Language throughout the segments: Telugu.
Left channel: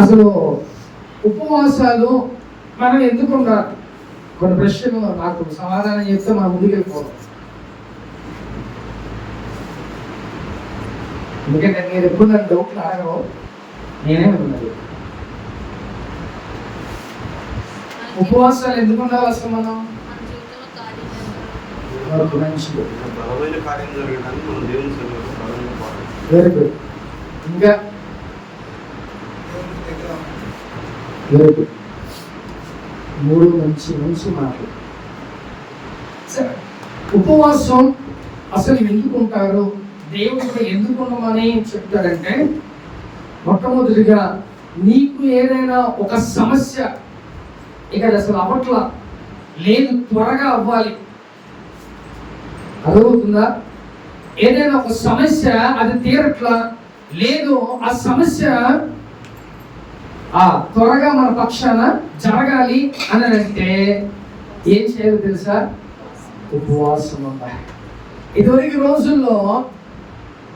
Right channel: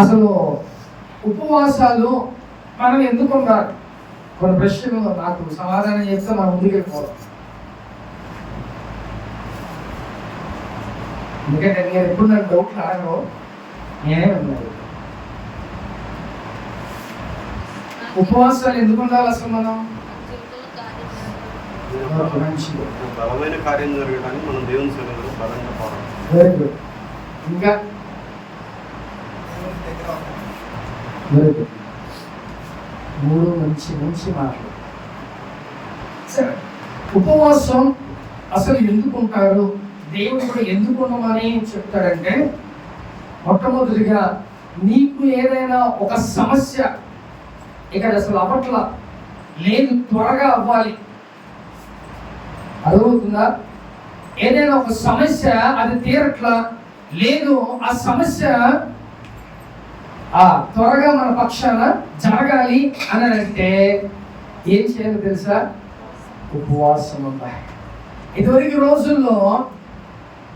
అసలు ఉపవాసాలు మనం ఎందుకు ఉండాలి? కొన్ని ప్రశ్నలు నాకు సమాధానం చెప్తే మనం ముందుకు వెళ్ళిపోవాలి. ఎందుకంటే నేను ఎప్పుడు నన్ను డౌట్లు అడగవు, నేనే విన్నాను. ఉపవాసాలు ఎందుకు ఉండాలి అసలు? మనం ఇంకా మూడు మంచి మంచి మాటలు. సరే, ఉపవాసం అసలు ఎందుకుంటారు, దేవుడు ఎందుకు ఉండమని చెప్తారంటే, మొట్టమొదటిగా నీకు ఏదైనా ఒక సమస్య ఇక్కడ అసలు అవ్వట్లా లేదు, త్వరగా అవ్వాలి, అర్థమవుతుందా? ఏదైనా ఒక సమస్య అది తీరట్లా లేదు, ఆ సమస్య త్వరగా మన పక్షాన జరగాలి అని అంటే ఏం చేయాలి తెలుసా? ఉపవాసం ఉండాలి. ఇదివరకు రోజుల్లో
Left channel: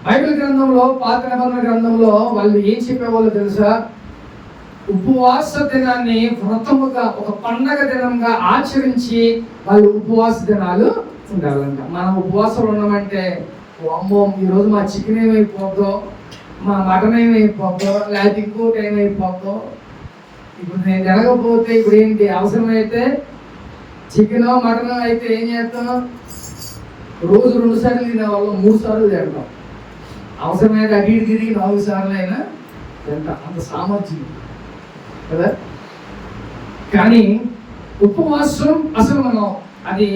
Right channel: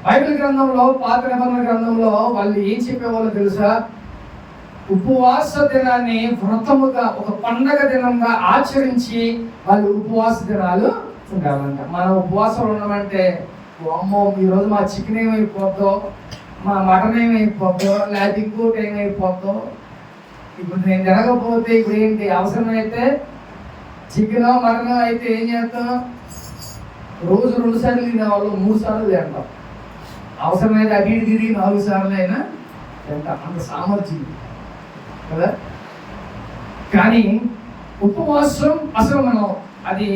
బైబిల్ గ్రంథంలో, పాత నిబంధన గ్రంథంలో వాళ్ళు ఏం చెప్పేవాళ్ళు తెలుసా? ఉపవాస దినాన్ని వ్రతముగా, ఒక పండగ దినంగా ఆచరించి వాళ్ళు ఉపవాస దినాలు ఉండాలంట. మనం ఉపవాసాలు ఉన్నామంటే, అమ్మో ఈరోజు మా చికెన్ ఏమైపోద్దో, మా మటన్ ఏమైపోద్దో, లేకపోతే ఇంకోటి ఏమైపోద్దో, ఇప్పుడు నేను జరగకపోతే ఇప్పుడు ఏంటి, అవసరమైతే చికెన్ మటన్ అయితే ఏం చేస్తాం? రోజు 2 సార్లు తినేవాళ్ళు 3 సార్లు తింటాం. అవసరమైతే అటు ఇటు తిరిగి 4 సార్లు అయినా తింటాం, అంత సామర్థ్యం కదా. కానీ ఉపవాసం అసలు మనం అది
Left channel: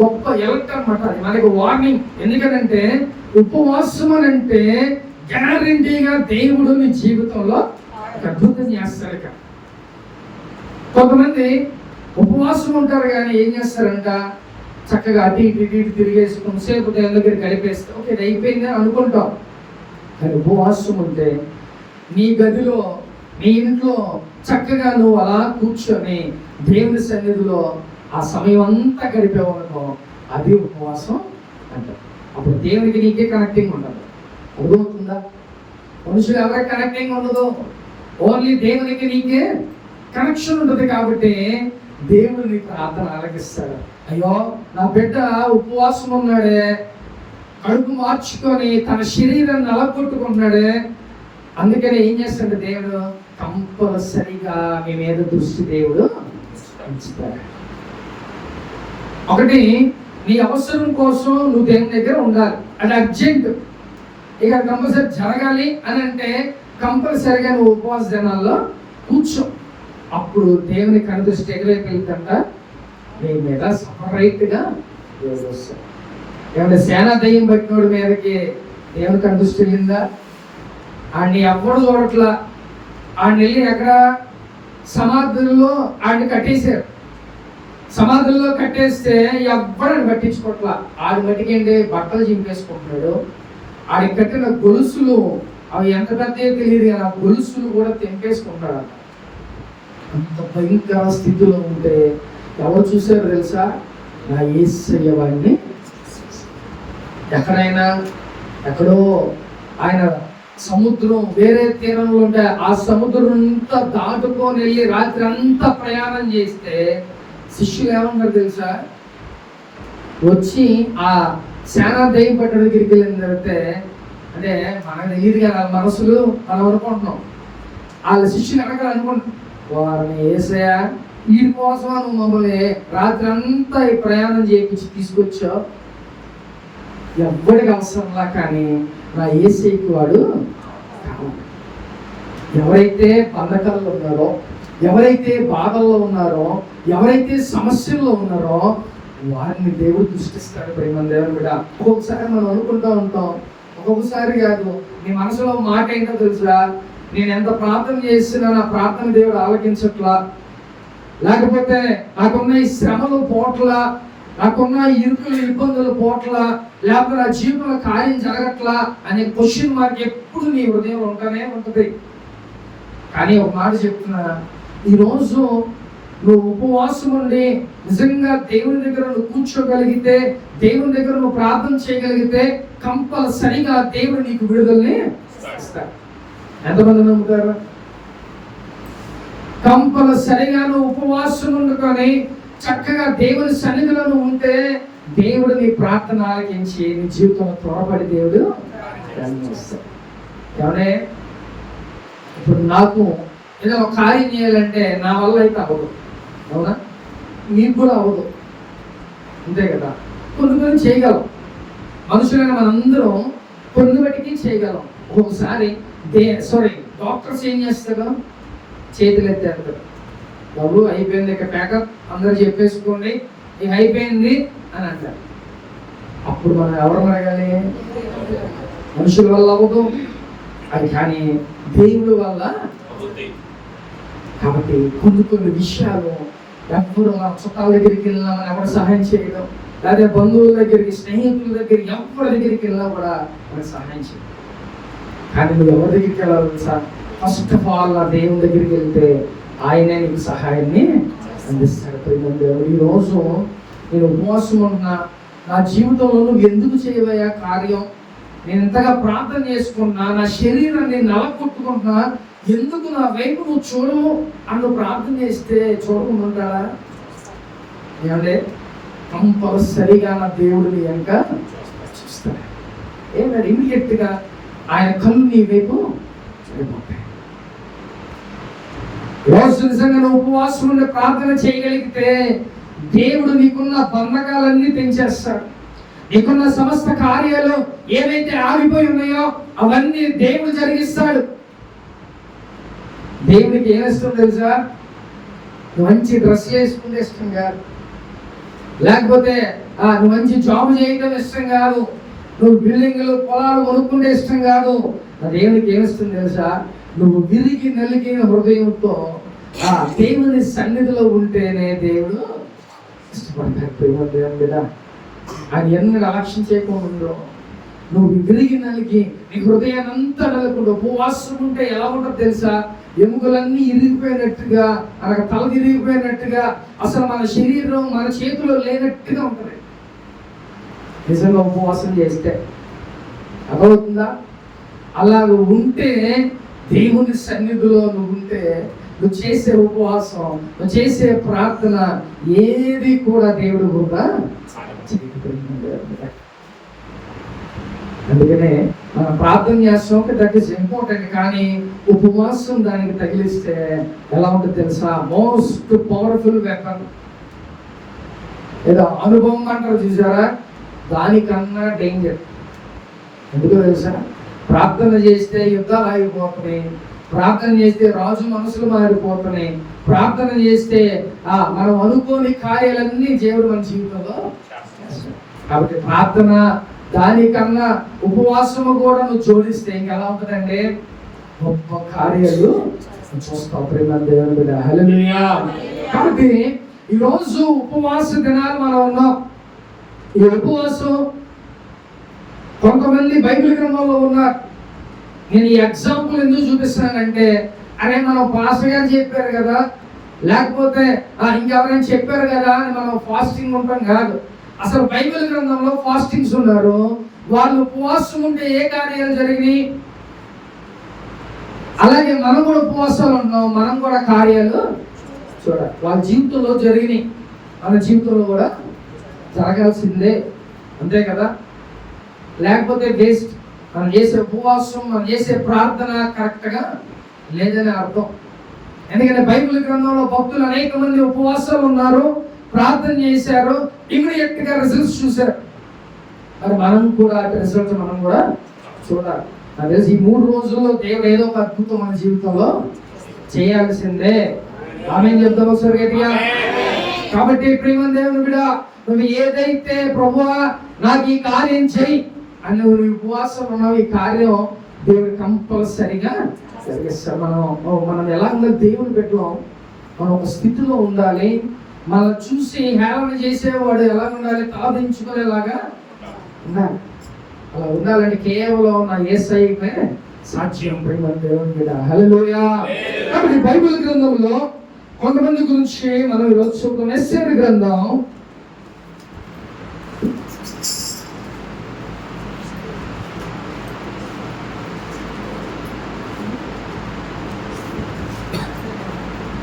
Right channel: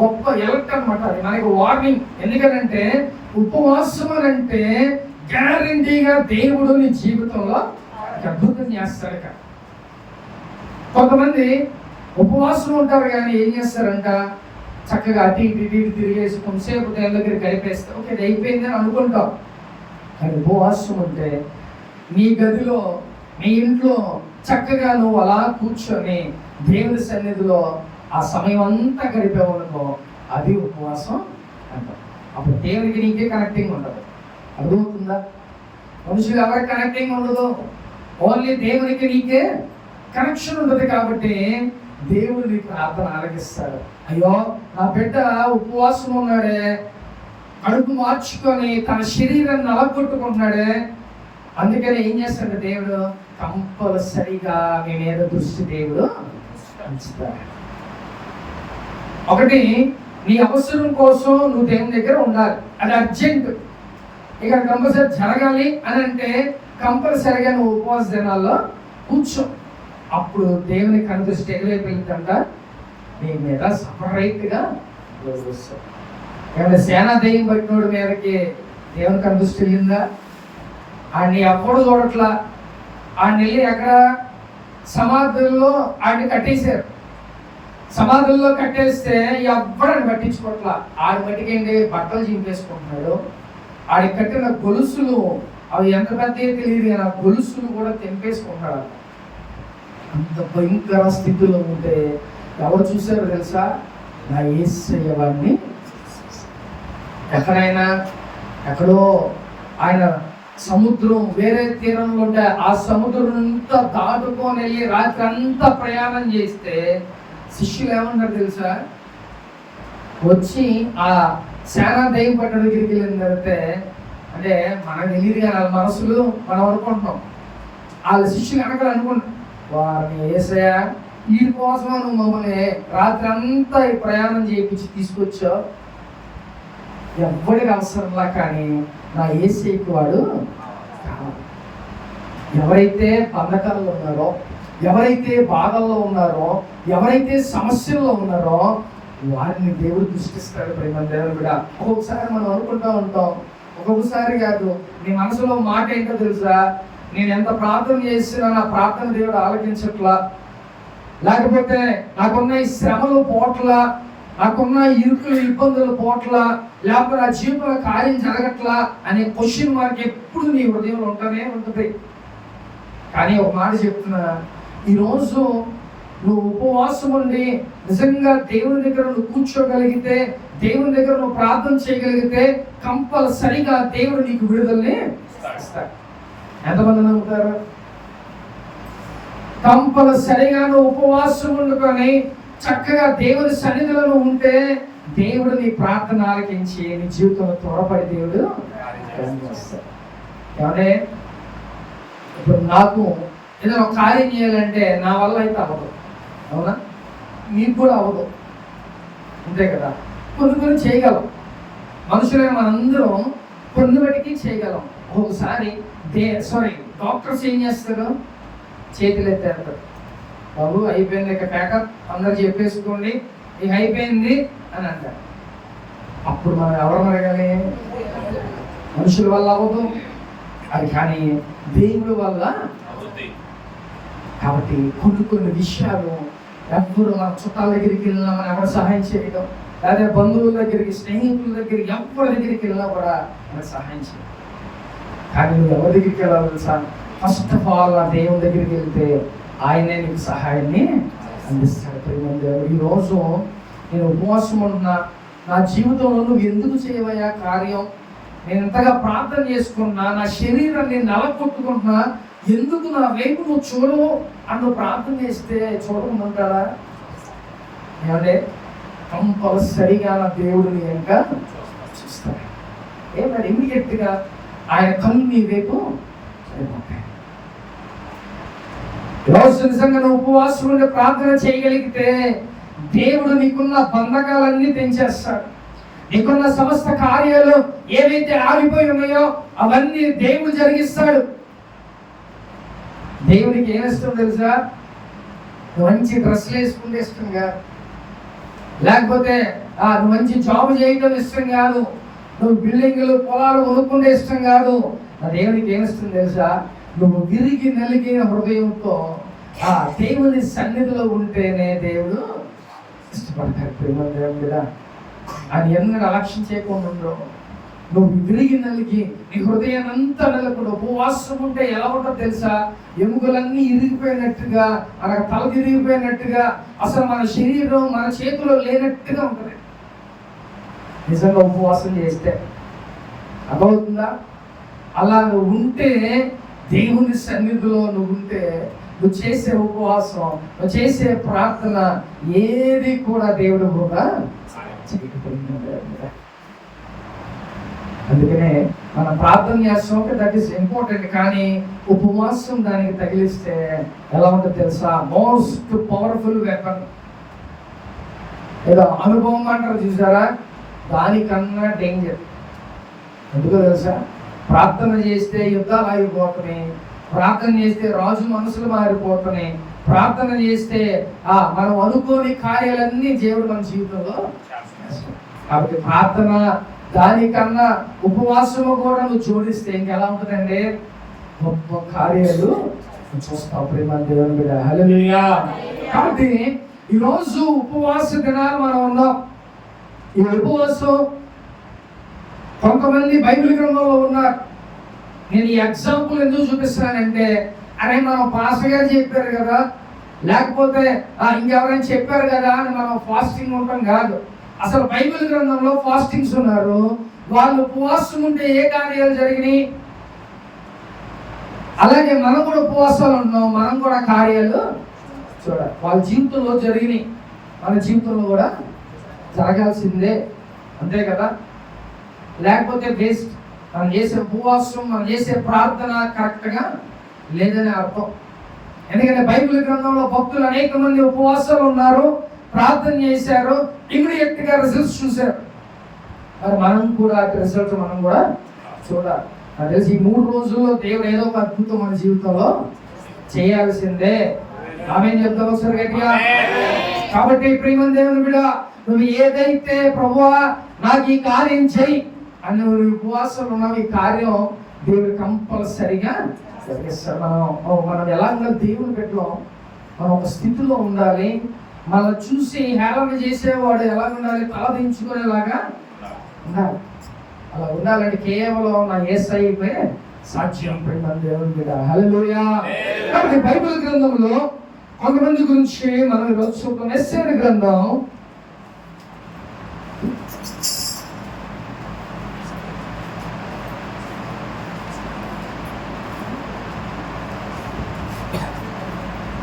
గొప్ప ఎలక్ట్ అనమాట, అది మనకి వార్నింగ్. ఎందుకంటే ఉపవాసం అని అంటే గ్యారంటీగా దేవుడు నీ జీవితంలో అద్భుతం చేస్తాడు. ఇక కొంతమంది ఉపవాసం ఉంటారు కానీ ఏం చేస్తారంట, చక్కగా అటు ఇటు తిరిగేసి కొంతసేపు దేవుని దగ్గర గడిపేస్తాం, ఓకే అయిపోయింది అని అనుకుంటాం. కానీ ఉపవాసం ఉంటే నీ గదిలో, నీ ఇంట్లో చక్కగా నువ్వు అలా కూర్చొని దేవుని సన్నిధిలో ఆ సమయం అంతా గడిపేవనుకో, అది ఉపవాసం అంటారు. అప్పుడు దేవునికి నీకే కనెక్టింగ్ ఉండదు. అర్థమవుతుందా? మనుషులు ఎవరికి కనెక్టింగ్ ఉండదు, ఓన్లీ దేవునికి నీకే కనెక్షన్ ఉంటుంది. కాబట్టి దేవుడు నీ ప్రార్థన ఆలకిస్తాడు. అయ్యో నా బిడ్డ ఉపవాసం ఉన్నాడే, కడుపు మార్చుకొని తన శరీరాన్ని నలగొట్టుకుంటున్నాడే, అందుకని ఏం చేస్తాడు దేవుడు? కంపల్సరిగా మీ మీద దృష్టి దేవుడు ఉంచుతాడు. ఒకటి, నీ అవసరం కోసం నువ్వు దేవుని దగ్గర ఉండాలి, అది అర్జెంట్. ఇక కంపల్సరీ జరగాలి అని అంటే కంపల్సరిగా నువ్వు ఉపవాస దినాల్లో కూర్చో. అప్పుడు దేవుని కనుదృష్టి ఎగరైపు వెళ్తుంట నీ మీద సపరేట్గా దేవుడు వస్తాడు. ఏమంటే సేనా దయ్యం పెట్టినోడి మీదకి దేవుని కనుదృష్టి వెళ్ళిందా? ఆడిని ఎవ్వడు చూడట్లా. ఆడిని వెళ్ళి ఎక్కడ సమాధుల్లో ఆడిని కట్టేశారు. సమాధుల్లో కట్టేస్తే ఎవ్వడని పట్టించుకోవట్లా. ఆడి మట్టికేంటి బట్టలు చింపేసుకుంటున్నాడు. ఆడికి కట్టిన గొలుసులు అవి ఎంత పెద్ద తెలియదు కానీ ఆ గొలుసులు కూడా తెంపేసుకుంటాడు. అంత భయంకర స్థితిలో ఉంటే ఎవరు చూసారో తెలుసా? నా యేసయ్య వాడిని ఎక్కడో ఆయన సముద్రం వేరే తీరంలో ఉంటే ఆ సముద్రం అంతా దాటుకొని వెళ్ళి రాత్రి అంతా ప్రయాణం చేస్తే శిష్యులు ఏమన్నారు తెలుసా? వచ్చి ఆ సేనా దయ్యం పట్టిన దగ్గరికి వెళ్ళిన తర్వాత, అంటే మనకు తెలియదు కానీ వాళ్ళ మనసులు మనం అనుకుంటున్నాం, వాళ్ళ శిష్యులు అనుకుంటున్నాం, వారిని యేసయ్య ఈ కోసం నువ్వు మమ్మల్ని రాత్రి అంతా ఈ ప్రయాణం చేయించి తీసుకొచ్చావు, ఎవ్వడికి అవసరంలా, కానీ నా యేసయ్యకి వాడు కావాలి. ఎవరైతే బంధకాల్లో ఉన్నారో, ఎవరైతే బాధల్లో ఉన్నారో, ఎవరైతే సమస్యల్లో ఉన్నారో వారిని దేవుడు దృష్టిస్తాడు. ప్రేమ దేవుని కూడా ఒక్కొక్కసారి మనం అనుకుంటూ ఉంటాం, ఒక్కొక్కసారి కాదు. నీ మనసులో మాట ఏంటో తెలుసా? నేను ఎంత ప్రార్థన చేసినా నా ప్రార్థన దేవుడు ఆలకించట్లా, లేకపోతే నాకున్న ఈ శ్రమలు పోట్లా, నాకున్న ఇరుకులు ఇబ్బందులు పోట్లా, లేకపోతే నా జీవితంలో కార్యం జరగట్లా అనే క్వశ్చన్ మార్క్ ఎప్పుడు నీ హృదయంలో ఉంటూనే ఉంటుంది. కానీ ఒక మాట చెప్తున్నా, ఈరోజు నువ్వు ఉపవాసం ఉండి నిజంగా దేవుని దగ్గర నువ్వు కూర్చోగలిగితే, దేవుని దగ్గర నువ్వు ప్రార్థన చేయగలిగితే కంపల్సరిగా దేవుడు నీకు విడుదలని ఇస్తాడు. ఎంతమంది నమ్ముతారు? కంపల్సరిగా నువ్వు ఉపవాసం ఉండుకొని చక్కగా దేవుని సన్నిధిలో ఉంటే దేవుడు నీ ప్రార్థన ఆలకించి నీ జీవితంలో త్వరపడి దేవుడు కనిపిస్తాడు. ఏమనే ఇప్పుడు నాకు ఏదైనా ఒక కార్యం చేయాలంటే నా వల్ల అయితే అవ్వదు, అవునా? మీకు కూడా అవ్వదు, అంతే కదా. కొన్ని చేయగలం, మనుషులైన మనందరం కొన్ని బట్టికి చేయగలం. ఒక్కొక్కసారి డాక్టర్స్ ఏం చేస్తారు, చేతులు ఎత్తేస్తారు, బాబు అయిపోయింది, ఇక ప్యాకప్ అందరు చెప్పేసుకోండి, ఇక అయిపోయింది అని అంటారు. అప్పుడు మనం ఎవరు అడగాలి? మనుషుల వల్ల అవ్వదు అది, కానీ దేవుడి వల్ల. కాబట్టి కొన్ని విషయాలు ఎవరు మన చుట్టాల దగ్గరికి వెళ్ళినా మనం ఎవరు సహాయం చేయడం, లేదా బంధువుల దగ్గరికి, స్నేహితుల దగ్గరికి, ఎవరి దగ్గరికి వెళ్ళినా కూడా మనకు సహాయం చేయడం. కానీ నువ్వు ఎవరి దగ్గరికి వెళ్ళాలి తెలుసా? ఫస్ట్ ఆఫ్ ఆల్ ఆ దేవుని దగ్గరికి వెళ్తే ఆయనే నీకు సహాయాన్ని అందిస్తాడు. ఈరోజు నేను ఉపవాసం ఉంటున్నా, నా జీవితంలో నువ్వు ఎందుకు చేయవయ్యా కార్యం? నేను ఎంతగా ప్రార్థన చేసుకున్నా, నా శరీరాన్ని నలగొట్టుకుంటున్నా, ఎందుకు నా వైపు నువ్వు చూడవు అని ప్రార్థన చేస్తే చూడకుండా ఉంటాడా? ఏమంటే కంపల్సరిగా నా దేవుడిని వెనుక చూస్తాడు. ఏమన్నా ఇమీడియట్గా ఆయన కళ్ళు నీ వైపు అయిపోతాయి. రోజు నిజంగా నువ్వు ఉపవాసం ఉండి ప్రార్థన చేయగలిగితే దేవుడు నీకున్న బంధకాలన్నీ తెంచేస్తాడు. నీకున్న సమస్త కార్యాలు ఏవైతే ఆగిపోయి ఉన్నాయో అవన్నీ దేవుడు జరిగిస్తాడు. దేవుడికి ఏమి ఇష్టం తెలుసా? మంచి డ్రెస్సులు వేసుకుంటే ఇష్టం కాదు, లేకపోతే నువ్వు మంచి జాబ్ చేయడం ఇష్టం కాదు, నువ్వు బిల్డింగ్లు పొలాలు కొనుక్కుంటే ఇష్టం కాదు. దేవుడికి ఏమిస్తుంది తెలుసా? నువ్వు విరిగి నలిగిన హృదయంతో ఆ దేవుని సన్నిధిలో ఉంటేనే దేవుడు ఇష్టపడతాడు. ప్రేమ దేవుని కదా ఆయన ఎన్నో అలక్ష్యం చేయకుండా ఉండో, నువ్వు విరిగి నలిగి నీ హృదయాన్ని అంతా నలుగుడు ఉపవాసం ఉంటే ఎలా ఉంటుందో తెలుసా? ఎముకలన్నీ ఇరిగిపోయినట్టుగా, మనకు తల తిరిగిపోయినట్టుగా, అసలు మన శరీరం మన చేతిలో లేనట్టుగా ఉంటుంది నిజంగా ఉపవాసం చేస్తే. అర్థమవుతుందా? అలా ఉంటే దేవుని సన్నిధిలో నువ్వు ఉంటే, నువ్వు చేసే ఉపవాసం, నువ్వు చేసే ప్రార్థన ఏది కూడా దేవుడు కూడా అందుకనే మనం ప్రార్థన చేస్తాం, దట్ ఈస్ ఇంపార్టెంట్. కానీ ఉపవాసం దానికి తగిలిస్తే ఎలా ఉంటుంది తెలుసా? Most powerful weapon. ఏదో అనుభవం అంటారు చూసారా, దానికన్నా డేంజర్. ఎందుకో తెలుసా? ప్రార్థన చేస్తే యుద్ధాలు ఆగిపోతున్నాయి, ప్రార్థన చేస్తే రాజు మనసులు మారిపోతున్నాయి, ప్రార్థన చేస్తే మనం అనుకోని కార్యాలన్నీ దేవుడు మన జీవితంలో. కాబట్టి ప్రార్థన దానికన్నా ఉపవాసము కూడా నువ్వు జోడిస్తే ఇంకెలా ఉంటుందంటే గొప్ప కార్యాలు చూస్తావు. దేవుని మీద హల్లెలూయా. కాబట్టి ఈరోజు ఉపవాస దినాలు మనం ఉన్నాం. ఈ ఉపవాసం కొంతమంది బైబిల్ గ్రంథంలో ఉన్నారు. నేను ఈ ఎగ్జాంపుల్ ఎందుకు చూపిస్తున్నానంటే, అరే మనం పాస్టర్ గారు చెప్పారు కదా, లేకపోతే ఇంకెవరైనా చెప్పారు కదా అని మనం ఫాస్టింగ్ ఉంటాం కాదు. అసలు బైబిల్ గ్రంథంలో ఫాస్టింగ్స్ ఉన్నారు. వాళ్ళు ఉపవాసం ఉంటే ఏ కార్యాలు జరిగినాయి, అలాగే మనం కూడా ఉపవాసాలు ఉన్నాం, మనం కూడా కార్యాలు చూడాలి. వాళ్ళ జీవితంలో జరిగినాయి, మన జీవితంలో కూడా జరగాల్సిందే, అంతే కదా. లేకపోతే వేస్ట్. మనం చేసే ఉపవాసం, మనం చేసే ప్రార్థన కరెక్ట్గా లేదని అర్థం. ఎందుకంటే బైబిల్ గ్రంథంలో భక్తులు అనేక మంది ఉపవాసాలు ఉన్నారు, ప్రార్థన చేశారు, ఇమీడియట్ గా రిజల్ట్స్ చూశారు. మరి మనం కూడా రిజల్ట్ మనం కూడా చూడాలి. నాకు తెలిసి ఈ 3 రోజుల్లో దేవుడు ఏదో ఒక అద్భుతం మన జీవితంలో చేయాల్సిందే. ఆమేన్ చెప్తాం ఒకసారి గట్టిగా. కాబట్టి ప్రేమ దేవుని బిడ్డ, నువ్వు ఏదైతే ప్రభువా నాకు ఈ కార్యం చెయ్యి అని నువ్వు ఉపవాసం ఉన్నావు, ఈ కార్యం దేవుడు కంపల్సరిగా జరిగిస్తాడు. మనం ఎలా ఉండాలి? దేవుని పెట్టాం, మనం ఒక స్థితిలో ఉండాలి. మనం చూసి హేళన చేసేవాడు ఎలా ఉండాలి? తలదించుకునేలాగా ఉండాలి. అలా ఉండాలని కేవలం నా యేసయ్యకే సాక్ష్యం. ప్రేమ దేవుని బిడ్డ హల్లెలూయా. కాబట్టి బైబిల్ గ్రంథంలో కొంతమంది గురించి మనం ఈరోజు చూద్దాం. యెషయా గ్రంథం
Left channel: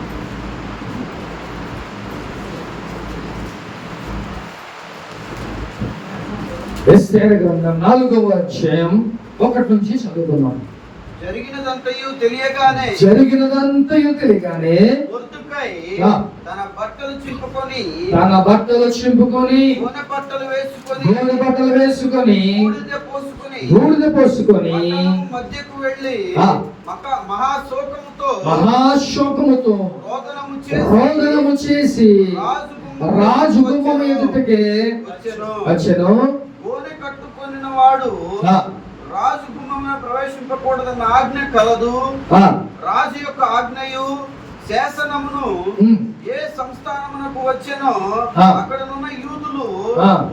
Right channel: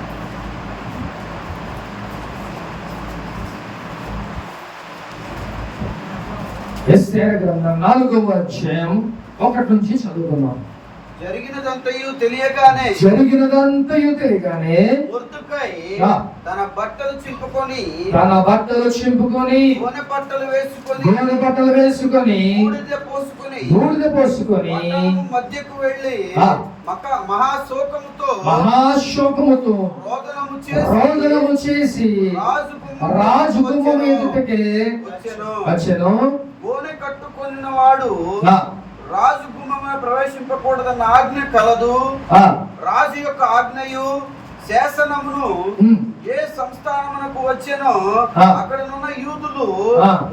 50 ఎస్తేరు గ్రంథం 4వ అధ్యాయం 1 నుంచి చదువుతున్నాం. జరిగినదంతయు తెలియగానే మొర్దెకై తన బట్టలు చింపుకొని గోనె బట్టలు వేసుకొని బూడిద పోసుకొని మహాశోకముతో రోదనము చేసి రాజు గుమ్మం ఎదుటకి వచ్చెను. గోనె కట్టుకొనిన వాడు రాజు గుమ్మమున ప్రవేశింపకూడదన్న ఆజ్ఞ కలదు. రాజు యొక్క ఆజ్ఞయు శాసనమును ఏ సంస్థానమునకు వచ్చెనో అక్కడనున్న యూదులు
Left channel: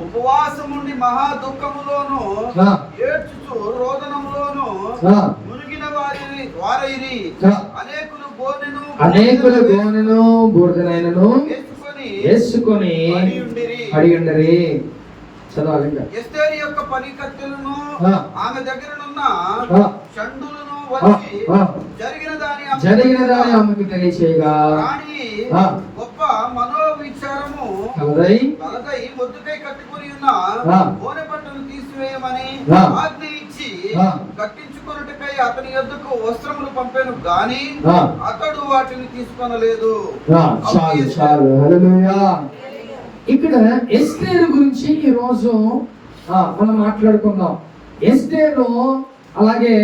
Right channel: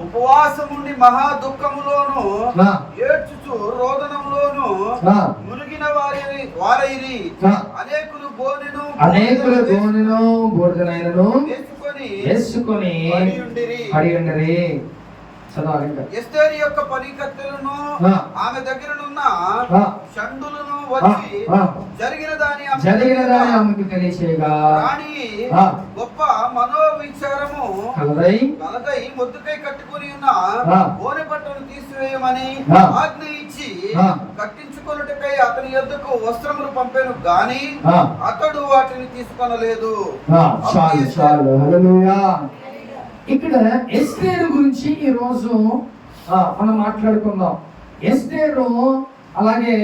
ఉపవాసం నుండి మహా దుఃఖములోను ఏడ్చుచు రోదనములోను మునిగిన వారైరి. అనేకులు గోనెను బూడిదనైనను వేసుకొని అడిగిండరి. చదవాలి. ఎస్తేరు యొక్క పనికత్తెలను ఆమె దగ్గరనున్న షండులను వచ్చి జరిగిన దాని ఆమెకు తెలియచేయగా గొప్ప మనోవిచారము కలదై మొద్దుకై కట్టుకొని ఉన్న గోనె బట్టను తీసివేయమని ఆజ్ఞ ఇచ్చి కట్టించుకొనుటకై అతని యొద్దకు వస్త్రములు పంపాను గాని అతడు వాటిని తీసుకొనలేదు. ఇక్కడ ఎస్తేరు గురించి ఈ రోజు మనం మాట్లాడుకుందాం. ఎస్తేరు అలాగే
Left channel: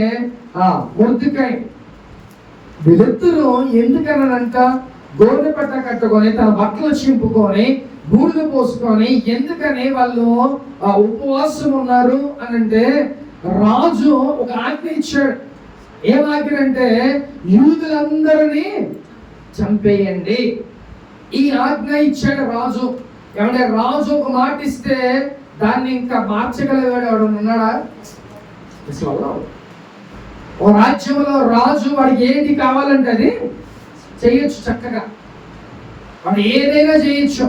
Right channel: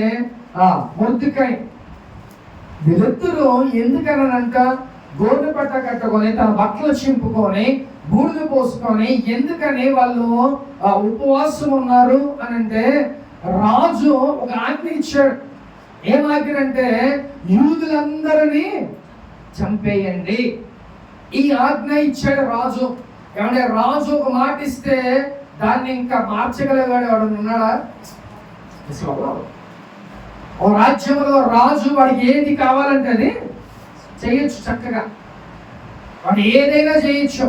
మొర్దెకై వీళ్ళిద్దరూ ఎందుకనంట గోనె పట్ట కట్టుకొని తన బట్టలు చింపుకొని బూడిద పోసుకొని ఎందుకని వాళ్ళు ఉపవాసం ఉన్నారు అని అంటే రాజు ఒక ఆజ్ఞ ఇచ్చాడు. ఏం ఆజ్ఞ అంటే యూదులందరినీ చంపేయండి. ఈ ఆజ్ఞ ఇచ్చాడు రాజు. ఏమంటే రాజు ఒక మాట ఇస్తే దాన్ని ఇంకా మార్చగలిగాడు వాడు ఉన్నాడా? ఓ రాజ్యంలో రాజు వాడికి ఏది కావాలంటే అది చేయొచ్చు. చక్కగా వాడు ఏదైనా చేయొచ్చు.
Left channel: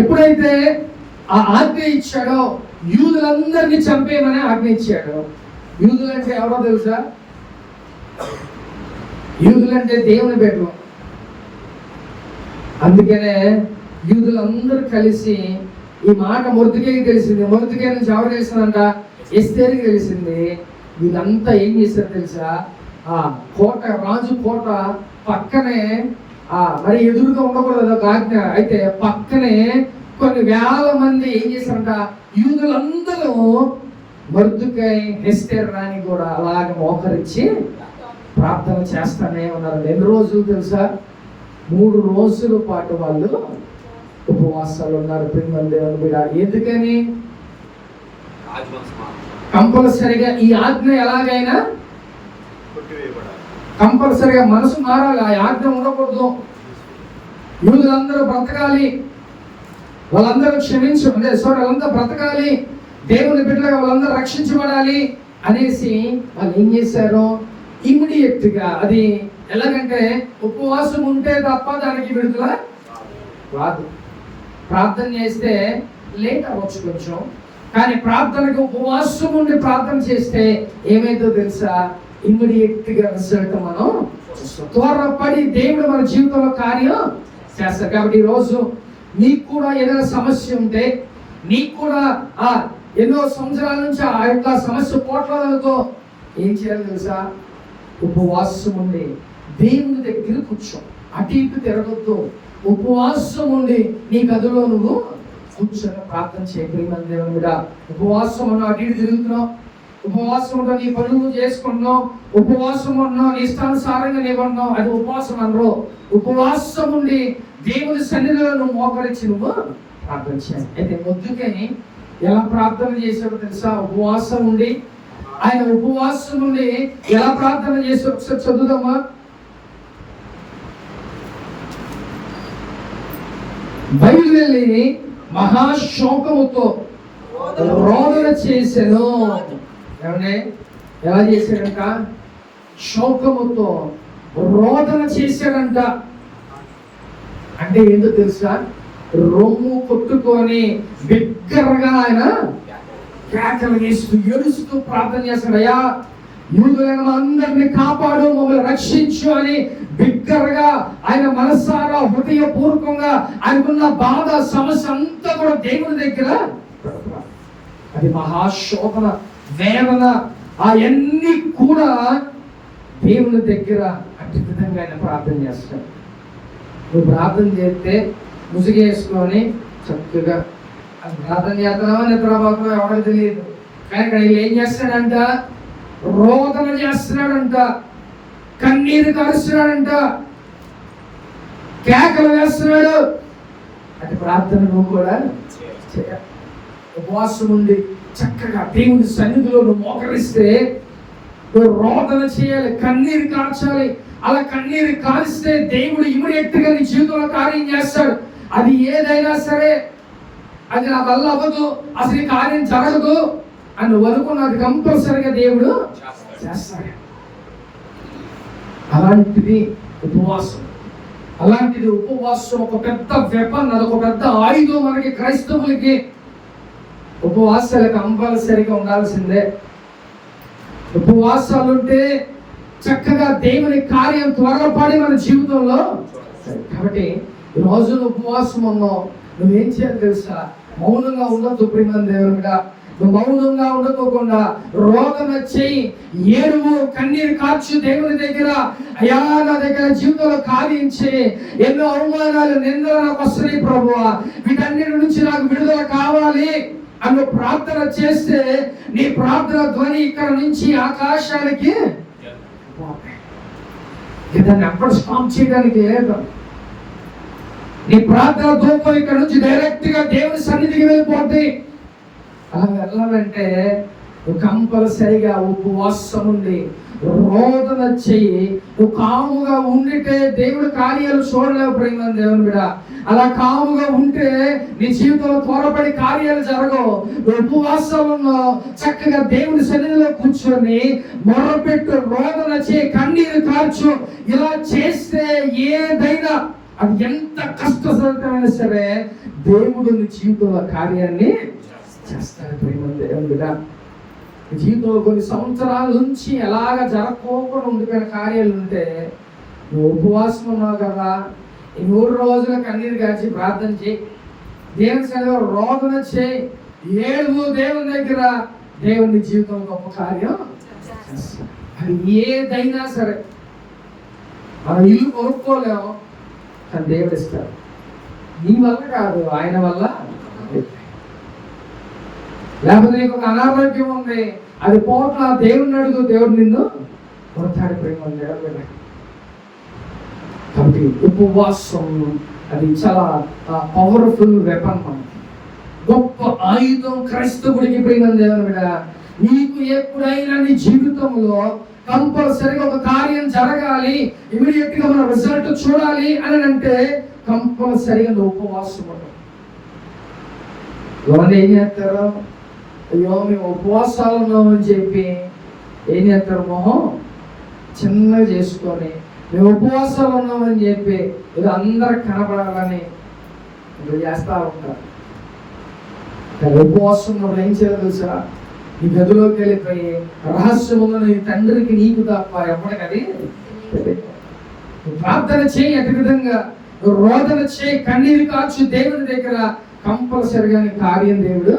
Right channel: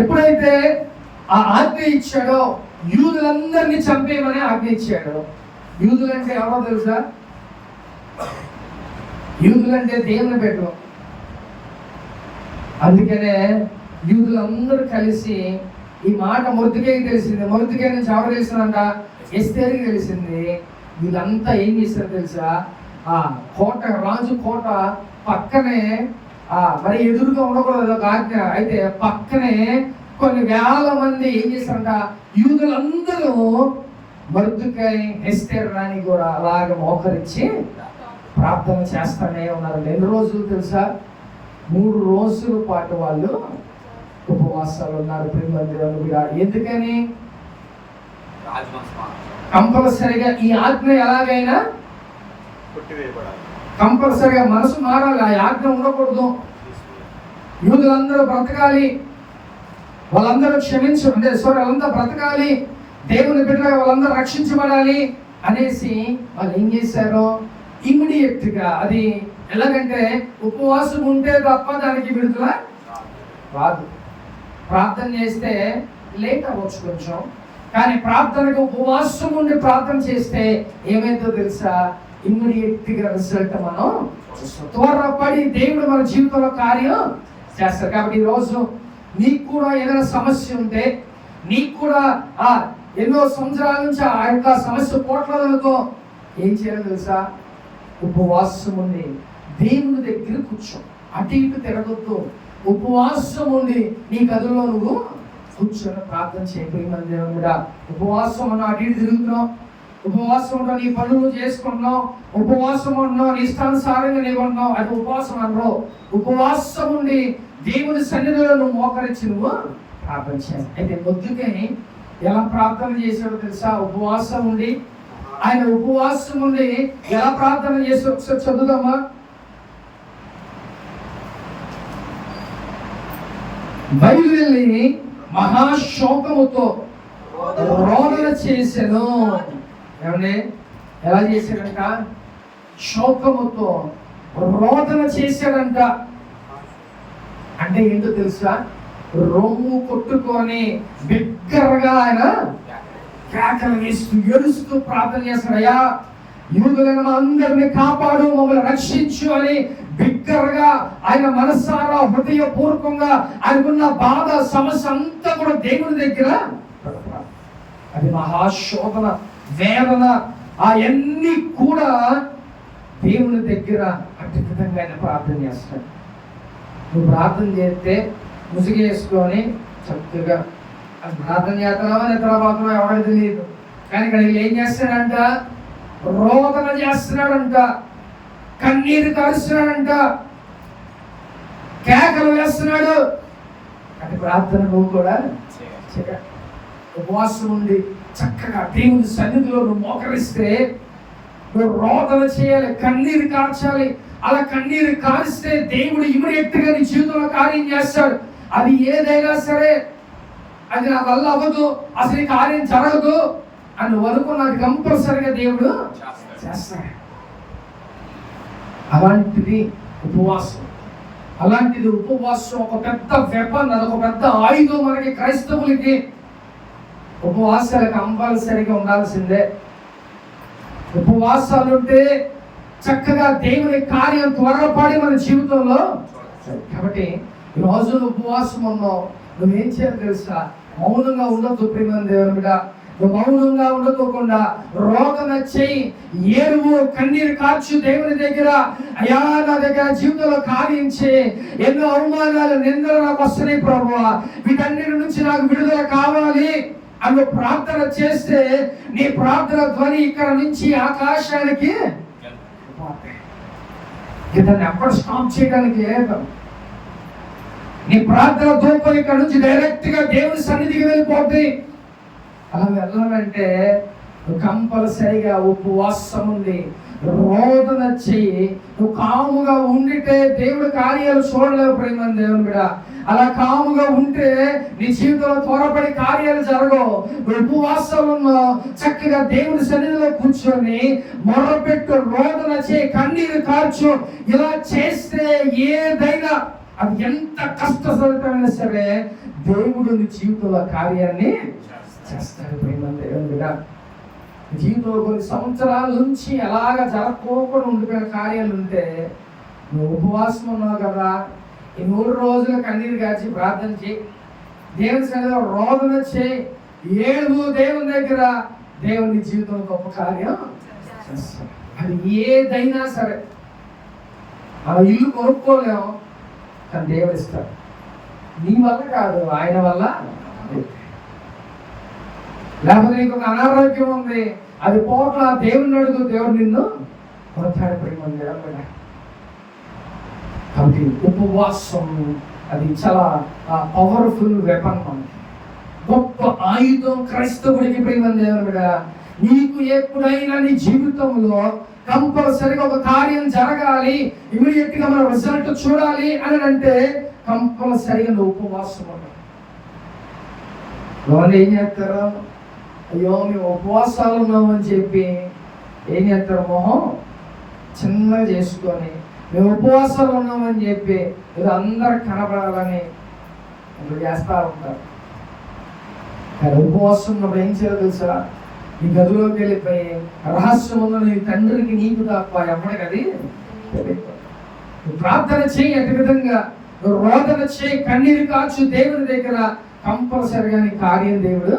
ఎప్పుడైతే ఆ ఆజ్ఞ ఇచ్చాడో యూదులందరినీ చంపేయమని ఆజ్ఞ ఇచ్చాడు. యూదులంటే ఎవరో తెలుసా? యూదులంటే దేవుని బిడ్డలు. అందుకనే యూదులందరూ కలిసి ఈ మాట మొర్దెకైకి తెలిసింది. మొర్దెకై నుంచి ఎవరు తెలిసిందంట? ఎస్తేరుకి తెలిసింది. వీళ్ళంతా ఏం చేశారు తెలుసా? కోట, రాజు కోట పక్కనే మరి ఎదురుగా ఉండకూడదు ఒక ఆజ్ఞ. అయితే పక్కనే కొన్ని వేల మంది ఏం చేశారంట? యూదులందరూ మొర్దెకై ఎస్తేరు రాణి కూడా అలాగే మోకరించి ప్రార్థన చేస్తానే ఉన్నారు. ఎన్ని రోజులు తెలుసా? 3 రోజుల పాటు వాళ్ళు ఉపవాసాలు ఉన్నారు. ఎందుకని? కంపల్సరిగా ఈ ఆజ్ఞ ఎలాగైనా కంపల్సరిగా మనసు మారాలి. ఆ ఆజ్ఞ ఉండకూడదు. యూదులందరూ బ్రతకాలి, వాళ్ళందరూ వాళ్ళందరూ బ్రతకాలి, దేవుని బిడ్డగా వాళ్ళందరూ రక్షించబడాలి అనేసి వాళ్ళు ఏం చేశారు? ఇమ్మీడియట్ గా అది ఎలాగంటే ఉపవాసం ఉంటే తప్ప దానికి విడుదల రాదు. ప్రార్థన చేస్తే లేట్ అవ్వచ్చు కొంచెం, కానీ ప్రార్థనకు ఉపవాసం ఉండి ప్రార్థన చేస్తే ఏమైందో తెలుసా? ఇమ్మీడియట్ గా రిజల్ట్ మనం త్వరపడి దేవుడు మన జీవితంలో కార్యం చేస్తారు. కాబట్టి ఈరోజు నీకు కూడా ఏదైనా సమస్య ఉంటే, నీకు కూడా ఎన్నో సంవత్సరాల నుంచి ఆ యొక్క సమస్య పోట్లదనుకో, ఏం చేయాలి తెలుసా? ఉపవాసం ఉండి దేవుని దగ్గర కూర్చో. అటు ఇటు తిరగొద్దు. ఉపవాసం ఉండి నీ గదిలో నువ్వు కూర్చొని ప్రార్థన చేయమని దేవుడా. ఉపవాసం ఉన్నావు, అటు ఇటు తిరుగుతున్నావు, ఉపవాసం ఉన్నావు, నీ పనులు చేసుకుంటున్నావు, ఉపవాసం ఉన్నావు, నీ ఇష్టానుసారంగా నీవన్నావు, అది ఉపవాసం అనరు. ఉపవాసం ఉండి దేవుని సన్నిధిలో నువ్వు మోకరించి నువ్వు ప్రార్థన చేయాలి. అయితే మొద్దుకని ఎలా ప్రార్థన చేశాడో తెలుసా? ఉపవాసం ఉండి, ఆయన ఉపవాసం ఉండి ఎలా ప్రార్థన చేశాడో ఒకసారి చదువుదామా? బయలువెళ్ళి మహాశోకముతో రోదన చేశాను. ఏమంటే ఎలా చేశాడంట? శోకముతో రోదన చేశాడంట. అంటే ఏంటో తెలుసా? రొమ్ము కొట్టుకొని బిగ్గరగా ఆయన కేకలు వేస్తూ ఏడుస్తూ ప్రార్థన చేస్తాడు. అయ్యా, యూదులను అందరినీ కాపాడు, మమ్మల్ని రక్షించు అని బిగ్గరగా ఆయన మనసారా హృదయపూర్వకంగా ఆయనకున్న బాధ సమస్య అంతా కూడా దేవుని దగ్గర అది మహాశోభన, వేదన అవన్నీ కూడా దేవుని దగ్గర అట్టి విధంగా ఆయన ప్రార్థన చేస్తాడు. నువ్వు ప్రార్థన చేస్తే ముసుగేసుకొని చక్కగా ప్రార్థన చేస్తున్నావా నిద్రపోతున్నావా ఎవరికి తెలియదు, కానీ ఇక్కడ ఏం చేస్తాడంట? రోదన చేస్తున్నాడంట, కన్నీరు కలుస్తున్నాడంట, కేకలు వేస్తున్నాడు. అంటే ప్రార్థన నువ్వు కూడా చేయాలి. ఉపవాసం ఉండి చక్కగా దేవుని సన్నిధిలో నువ్వు మోకరిస్తే నువ్వు రోదన చేయాలి, కన్నీరు కార్చాలి. అలా కన్నీరు కారిస్తే దేవుడు ఇమ్మీడియట్ గా నీ జీవితంలో కార్యం చేస్తాడు. అది ఏదైనా సరే, అది నా వల్ల అవ్వదు, అసలు ఈ కార్యం జరగదు అని నువ్వు అనుకున్నది కంపల్సరిగా దేవుడు చేస్తాడు. అలాంటిది ఉపవాసం. అలాంటిది ఉపవాసం ఒక పెద్ద వెపన్, అదొక పెద్ద ఆయుధం మనకి క్రైస్తవులకి. ఉపవాసాలు కంపల్సరిగా ఉండాల్సిందే. ఉపవాసాలు ఉంటే చక్కగా దేవుని కార్యం త్వరపడి మన జీవితంలో. కాబట్టి ఈ రోజు ఉపవాసం ఉన్నావు, నువ్వేం చేయాలి తెలుసా? మౌనంగా ఉండొద్దు ప్రియమైన దేవుడా. నువ్వు మౌనంగా ఉండకోకుండా రోదన చెయ్యి, ఏడువు, కన్నీరు కార్చు దేవుని దగ్గర. అయ్యా నా దగ్గర జీవితంలో కార్యం చేయి, ఎన్నో అవమానాలు నిందలు నాకు వస్తున్నాయి ప్రభువా, వీటన్నిటి నుంచి నాకు విడుదల కావాలి అని ప్రార్థన చేస్తే నీ ప్రార్థన ధ్వని ఇక్కడ నుంచి ఆకాశానికి దాన్ని ఎప్పుడు స్టాప్ చేయడానికి లేదు. నీ ప్రార్థన ధూపం ఇక్కడ నుంచి డైరెక్ట్ గా దేవుని సన్నిధికి వెళ్ళిపోద్ది. అలా వెళ్ళాలంటే నువ్వు కంపల్సరిగా ఉపవాసం ఉండి రోదన చెయ్యి. నువ్వు కాముగా ఉండితే దేవుడు కార్యాలు చూడలేవు ప్రేమ దేవుడు. అలా కాముగా ఉంటే నీ జీవితంలో త్వరపడి కార్యాలు జరగవు. ఉపవాసాలను చక్కగా దేవుని సన్నిధిలో కూర్చొని మొర్రపెట్టు, రోదన చేయి, కన్నీరు కార్చు. ఇలా చేస్తే ఏదైనా, అది ఎంత కష్టసాధ్యమైనా సరే, దేవుడు నీ జీవితంలో కార్యాన్ని చేస్తాడు ప్రేమ దేవుడా. జీవితంలో కొన్ని సంవత్సరాల నుంచి ఎలాగ జరగకోకుండా ఉండిపోయిన కార్యాలు ఉంటే నువ్వు ఉపవాసం ఉన్నావు కదా, ఈ 3 రోజుల కన్నీరు కాచి ప్రార్థన చేయి, దేవుని సన్నిధిలో రోదన చేయి, ఏడుగు దేవుని దగ్గర. దేవుని జీవితంలో గొప్ప కార్యం చేస్తాడు. అది ఏదైనా సరే. ఆ ఇల్లు కొనుక్కోలేము, కానీ దేవుడు ఇస్తాడు. నీ వల్ల కాదు, ఆయన వల్ల. లేకపోతే నీకు ఒక అనారోగ్యం ఉంది, అది పోట్ల దేవుడిని అడుగు, దేవుడు నిన్ను కొడతాడు ప్రేమ దేవుడు. కాబట్టి ఉపవాసం అది చాలా పవర్ఫుల్ వెపన్, గొప్ప ఆయుధం క్రైస్తవుడికి ప్రేమ దేవుడు. నీకు ఎప్పుడైనా నీ జీవితంలో కంపల్సరిగా ఒక కార్యం జరగాలి, ఇమీడియట్ గా మన రిజల్ట్ చూడాలి అని అంటే కంపల్సరిగా నువ్వు ఉపవాసం ఉంటావు. వాళ్ళు ఏం చేస్తారు? అయ్యో మేము ఉపవాసాలు ఉన్నామని చెప్పి ఏం చేస్తారు? మొహం చిన్నగా చేసుకొని మేము ఉపవాసాలు ఉన్నామని చెప్పి ఇది అందరు కనపడాలని చేస్తూ ఉంటారు. ఉపవాసం నువ్వు ఏం చేయాలి తెలుసా? నీ గదిలోకి వెళ్ళిపోయి రహస్యం ఉంది నీ తండ్రికి నీకు తప్ప ఎవరికి అది ప్రార్థన చేయి. అటు విధంగా నువ్వు రోదన చేయి, కన్నీరు కాచు దేవుని దగ్గర. కంపల్సరిగా నీ కార్యం దేవుడు.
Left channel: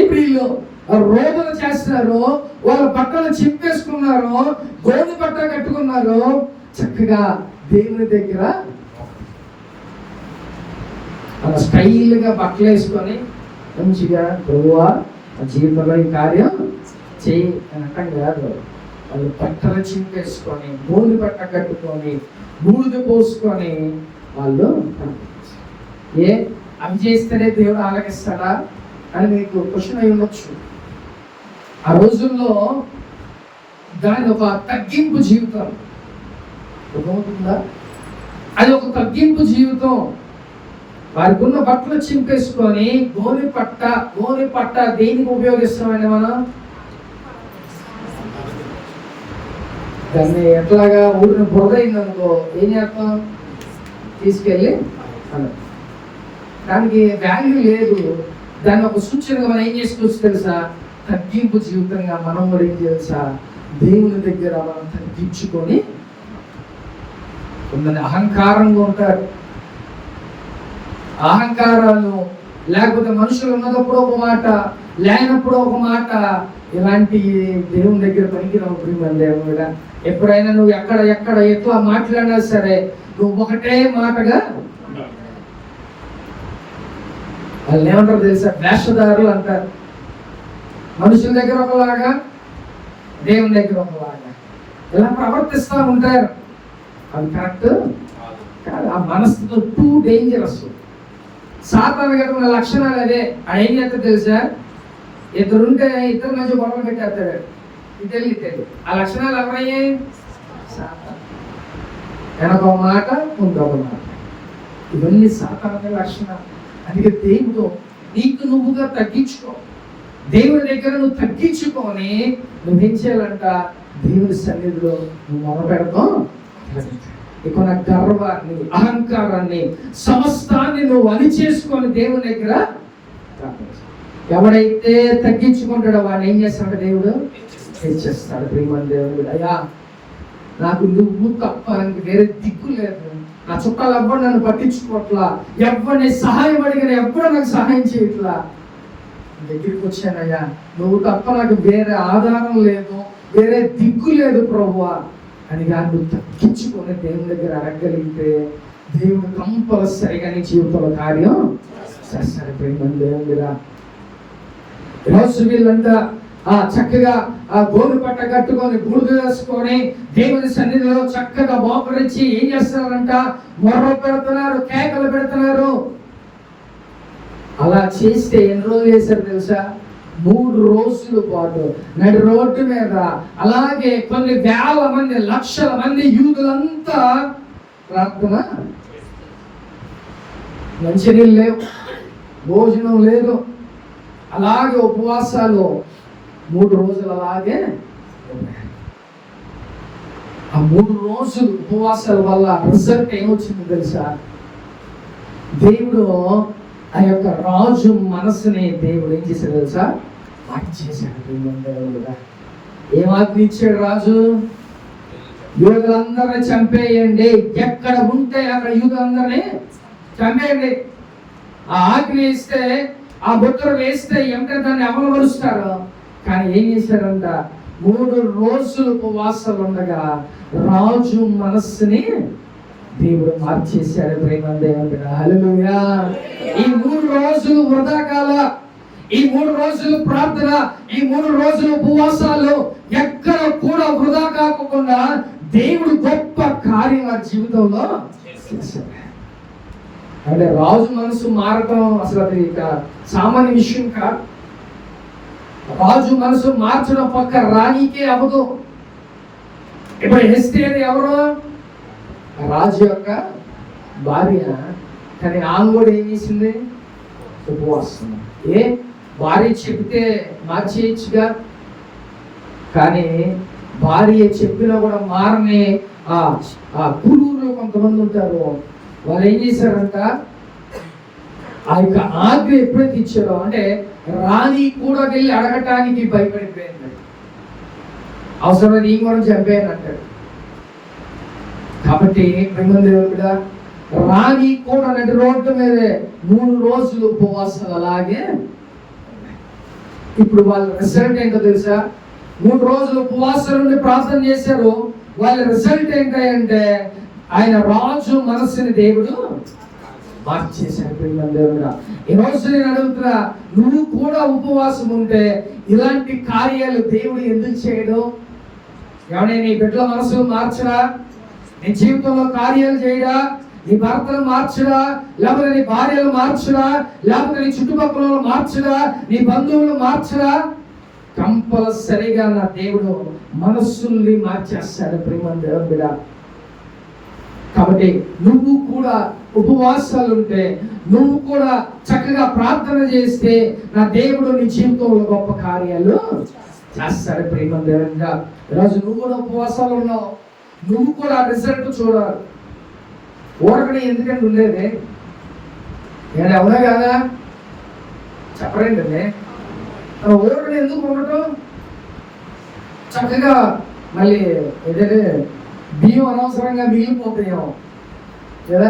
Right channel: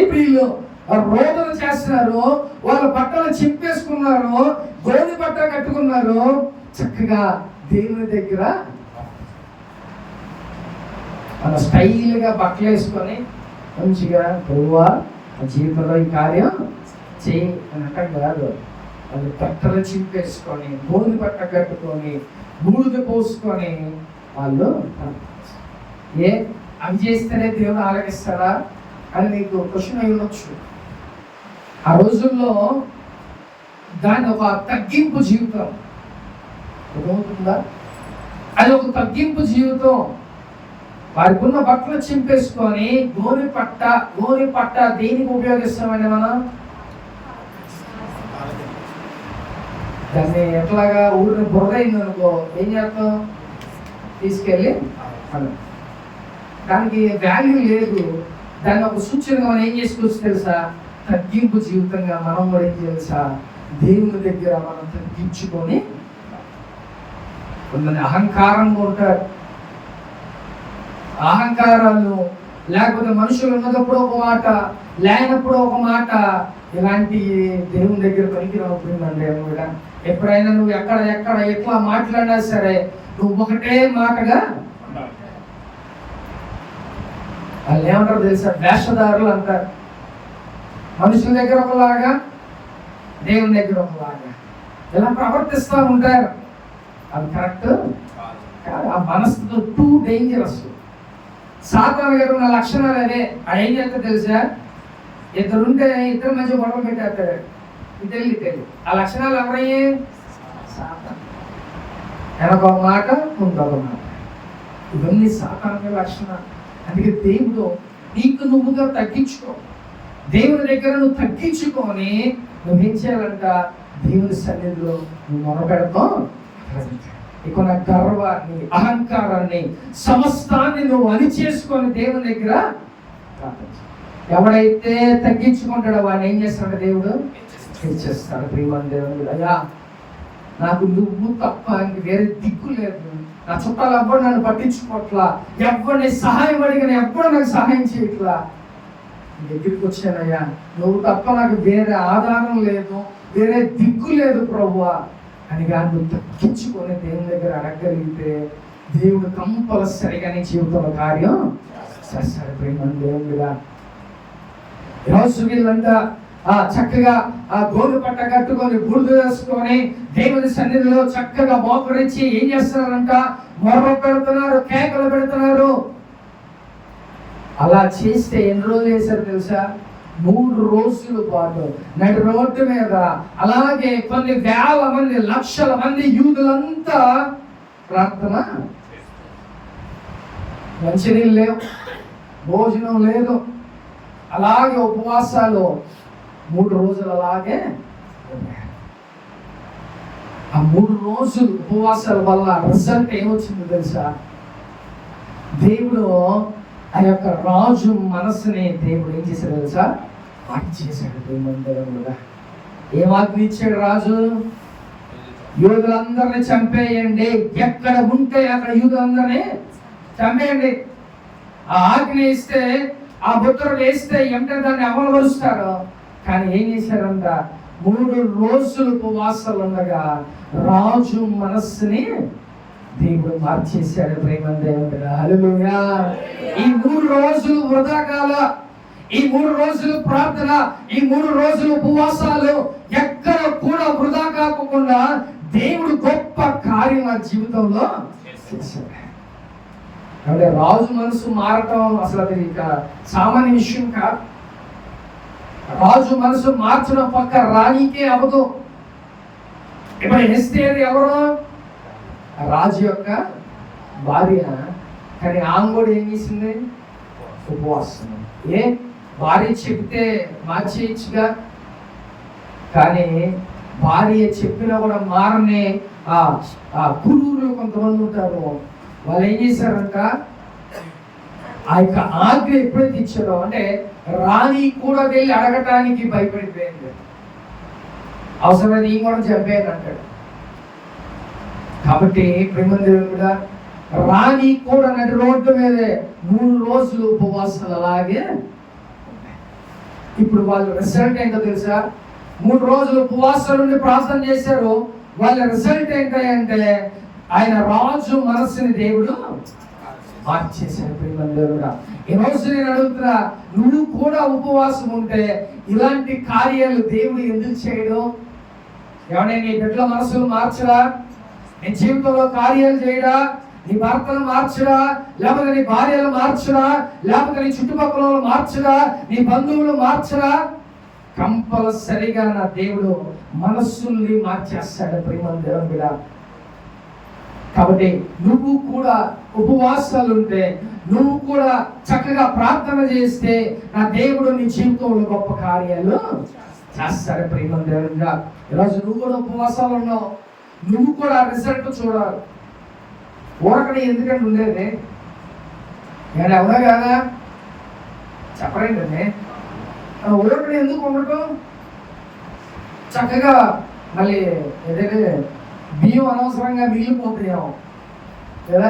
ఇప్పుడు వీళ్ళు రోదన చేస్తున్నారు, వాళ్ళ బట్టలు చింపేసుకున్నారు, గోధుమ బట్ట కట్టుకున్నారు, చక్కగా దేవుని దగ్గర అలా స్టైల్ గా బట్టలు వేసుకొని మంచిగా ప్రభువా జీవితంలో ఈ కార్యం చేయి అని అంటాం కాదు. వాళ్ళు బట్టలు చింపేసుకొని, గోధుమ బట్ట కట్టుకొని, బూడిద పోసుకొని వాళ్ళు అవి చేస్తేనే దేవుడు ఆలకిస్తాడా అని మీకు క్వశ్చన్ అయి ఉండొచ్చు. ఆ రోజుల్లో దాని ఒక తగ్గింపు జీవితం అవుతుందా? అది ఒక తగ్గింపు జీవితం. వారికి ఉన్న బట్టలు చింపేసుకొని గోనె పట్ట దేనికి ఉపయోగిస్తామండి మనం? దాన్ని ఎట్లాగా ఊరిని బురద అయిందనుకో ఏం చేస్తాం? తీసుకెళ్ళి దానికి వాల్యూ లేదు. దాన్ని ఒక సూచనగా మనం ఏం చేసుకోవచ్చు తెలుసా? తగ్గింపు జీవితంగా మనం కూడా ఏం తెలుసా? దేవుని దగ్గర మనం తగ్గించుకొని కొందరు అహంకారంగా ఉంటారు. అహంకారాలు లేకపోతే మనుషులు ఉన్నదప్పుడు ఒక మాట, లేనప్పుడు ఒక మాట. ఇలాంటి దేవుని దగ్గర పనికిరావు ప్రియమంది కూడా. ఎప్పుడైనా నువ్వు ఎక్కడ ఎట్లా మాట్లాడినా సరే నువ్వు ఒకటే మాటగా. వాళ్ళు ఏమంటారు తెలుసా? వేషధారులు అంటారు. మనుషుల దగ్గర ఒకలాగా, దేవుని దగ్గర ఒకలాగా ఇలా ప్రవర్తిస్తూ ఉంటారు. అది కరెక్ట్ కాదు. ఆ మనసుతో టూ డేంజరస్. సాతాను గారు ఉన్న లక్షణాలు అదే. అది ఏం చేస్తా తెలుసా? ఇద్దరుంటే ఇద్దరు మధ్య గొడవలు పెట్టేస్తాడు. ఇద్దరు ఆ లక్షణాలు ఎవరయ్యే? సాతాను. వెనక మాట, ముందొక మాట. ఇవన్నీ సాతాను లక్షణాలు. అందుకే దేవుడు నీకు నువ్వుగా తగ్గించుకో. దేవుని దగ్గర నువ్వు తగ్గించుకొని నువ్వేం చేయాలంట? దేవుని సన్నిధిలో నువ్వు మొరపెడతాం. ఇక నా గర్వాన్ని, అహంకారాన్ని, సమస్తాన్ని నువ్వు అణిచేసుకొని దేవుని దగ్గర. ఎవడైతే తగ్గించుకుంటాడో వాడిని ఏం చేస్తాడు? దేవుడు హెచ్చిస్తాడు. ప్రియమైన దేవుడు, అయ్యా నాకు నువ్వు తప్ప వేరే దిక్కు లేదు. నా చుట్టాలు ఎవ్వరు నన్ను పట్టించుకోవట్లా, ఎవరిని సహాయం అడిగిన ఎవ్వరు నాకు సహాయం చేయట్లా. దగ్గరికి వచ్చానయ్యా, నువ్వు తప్ప నాకు వేరే ఆధారం లేదు, వేరే దిక్కు లేదు ప్రభువా అని కానీ నువ్వు తగ్గించుకొని దేవుని దగ్గర అడగలిగితే దేవుడు కంపల్సరిగా నీ జీవితంలో కార్యం చేస్తాడు. ప్రియమైన దేవుడా, ఈరోజు వీళ్ళంతా చక్కగా గోరు పట్ట కట్టుకొని బూడిద వేసుకొని దేవుని సన్నిధిలో చక్కగా మోకరించి ఏం చేస్తున్నారంట? మొర్ర పెడుతున్నారు, కేకలు పెడుతున్నారు. అలా చేస్తే ఎన్ని రోజులు చేశారు తెలుసా? 3 రోజుల పాటు నడి రోడ్డు మీద అలాగే కొన్ని వేల మంది, లక్షల మంది యూదులంతా ప్రార్థన. మంచినీళ్ళు లేవు, భోజనం లేదు, అలాగే ఉపవాసాలు 3 రోజులు అలాగే. ఆ 3 రోజులు ఉపవాసాల వల్ల రిజల్ట్ ఏమొచ్చింది తెలుసా? దేవుడు ఆ యొక్క రాజు మనసుని దేవుడు ఏం చేశాడు తెలుసా? మార్చేశాడు. ఏం ఆజ్ఞ ఇచ్చాడు రాజు? యూదులందరినీ చంపేయండి, ఎక్కడ ఉంటే అక్కడ యూదులందరినీ చంపేయండి. ఆ ఆజ్ఞ ఇస్తే, ఆ బుట్టలు వేస్తే ఏమిటంటే దాన్ని అమలు పరుస్తారు. కానీ ఏం చేశారంట? 3 రోజులు ఉపవాసాలు ఉండగా రాజు మనస్సుని దేవుడు మార్చేశాడు. ప్రేమ దేవుడా, హల్లెలూయా. ఈ 3 రోజులు వృధా కాల, ఈ 3 రోజులు ప్రార్థన, ఈ 3 రోజులు ఉపవాసాలు ఎక్కడ కూడా వృధా కాకుండా దేవుడు గొప్ప కార్యం ఆ జీవితంలో చేశాడు. అంటే రాజు మనసు మారటం అసలు అది ఇక సామాన్య విషయం కాదు. రాజు మనసు మార్చడం పక్క రాణికే అవ్వదు. ఇప్పుడు ఎస్తేర్ ఎవరు? రాజు యొక్క భార్య. కానీ ఆమె కూడా ఏం చేసింది? ఉపవాసం. భార్య చెప్తే మార్చేయచ్చుగా, కానీ భార్య చెప్పినా కూడా మారని ఆ గురువులు కొంతమంది ఉంటారు. వాళ్ళు ఏం చేశారంట? ఆ యొక్క ఆజ్ఞ ఎప్పుడైతే ఇచ్చారో అంటే రాణి కూడా వెళ్ళి అడగటానికి భయపడిపోయింది. అవసరమైతే ఈ కూడా చంపేయని అంటాడు. కాబట్టి ప్రేమదేవుడా, రాణి కూడా నడి రోడ్డు మీదే 3 రోజులు ఉపవాసాలు అలాగే. ఇప్పుడు వాళ్ళ రిజల్ట్ ఏంటో తెలుసా? 3 రోజులు ఉపవాసాల నుండి ప్రార్థన చేశారు. వాళ్ళ రిజల్ట్ ఏంటంటే ఆయన రాజు మనస్సుని దేవుడు మార్చేశాడు. ప్రేమదేవుడా, ఈ రోజు నేను అడుగుతున్నా, నువ్వు కూడా ఉపవాసం ఉంటే ఇలాంటి కార్యాలు దేవుడు ఎందుకు చేయడు? ఏమన్నా నీ బిడ్డల మనసు మార్చడా? నీ జీవితంలో కార్యాలు చేయడా? నీ భర్తలు మార్చడా? లేకపోతే నీ భార్యలు మార్చడా? లేకపోతే నీ చుట్టుపక్కల మార్చడా? నీ బంధువులు మార్చడా? కంపల్సరిగా నా దేవుడు మనస్సుని మార్చేస్తాడు. ప్రేమదేవుడా, కాబట్టి నువ్వు కూడా ఉపవాసాలు ఉంటే, నువ్వు కూడా చక్కగా ప్రార్థన చేస్తే నా దేవుడు నీ జీవితంలో గొప్ప కార్యాలు చేస్తాడు. ప్రేమదేవుడా, ఈరోజు నువ్వు కూడా ఉపవాసాలు ఉన్నావు, నువ్వు కూడా రిజల్ట్ చూడాలి. ఊరకనే ఎందుకంటే ఉండేది నేను అవునా కదా చెప్పలేండి. ఊరకనే ఎందుకు ఉండటం? చక్కగా మళ్ళీ ఏదైతే బియ్యం అనవసరంగా మిగిలిపోతాయేమో కదా.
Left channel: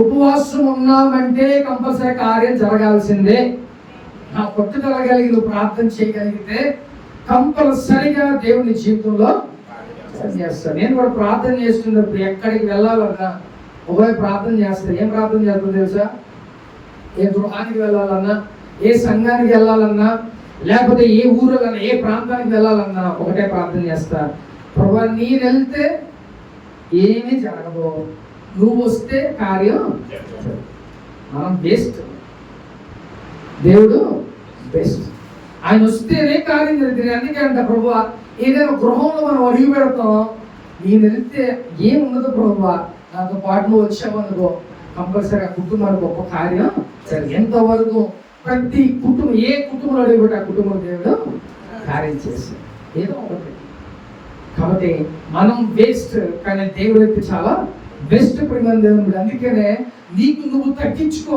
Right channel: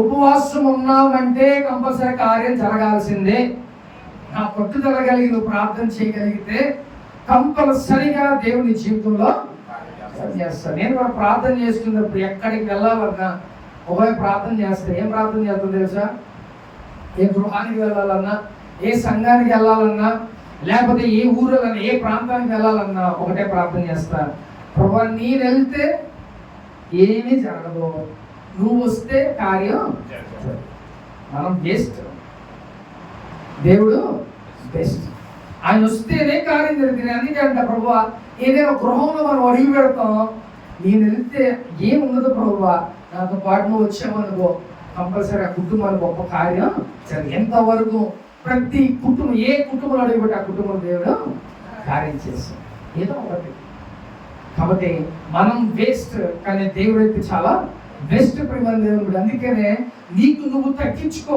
ఉపవాసం ఉన్నామంటే కంపల్సరీ కార్యం జరగాల్సిందే. నా పట్టుదల కలిగి నువ్వు ప్రార్థన చేయగలిగితే కంపల్సరిగా దేవుని జీవితంలో చేస్తాను. నేను కూడా ప్రార్థన చేస్తున్నప్పుడు ఎక్కడికి వెళ్ళాలన్నా ఒకవేళ ప్రార్థన చేస్తాను. ఏం ప్రార్థన చేస్తాను తెలుసా? ఏ గృహానికి వెళ్ళాలన్నా, ఏ సంఘానికి వెళ్ళాలన్నా, లేకపోతే ఏ ఊరిలన్నా, ఏ ప్రాంతానికి వెళ్ళాలన్నా ఒకటే ప్రార్థన చేస్తా. ప్రభా, నేను వెళ్తే ఏమీ జరగదు, నువ్వు వస్తే కార్యం. మనం బెస్ట్, దేవుడు బెస్ట్. ఆయన వస్తేనే కార్యం జరుగుతుంది. అందుకే అంట ప్రభా, ఏదైనా గృహంలో మనం అడిగి పెడతాం, నేను వెళ్తే ఏముండదు ప్రభా, నాతో పాటు నువ్వు వచ్చావనుకో కంపల్సరీ ఆ కుటుంబానికి గొప్ప కార్యం సరే. ఎంతవరకు ప్రతి కుటుంబం, ఏ కుటుంబంలో అడిగిపెట్టి ఆ కుటుంబం దేవుడు కార్యం చేస్తాం ఏదో ఒకటి. కాబట్టి మనం వేస్ట్, కానీ దేవుడు అయితే చాలా బెస్ట్ ప్రేమ దేవుడు. అందుకనే నీకు నువ్వు తగ్గించుకో.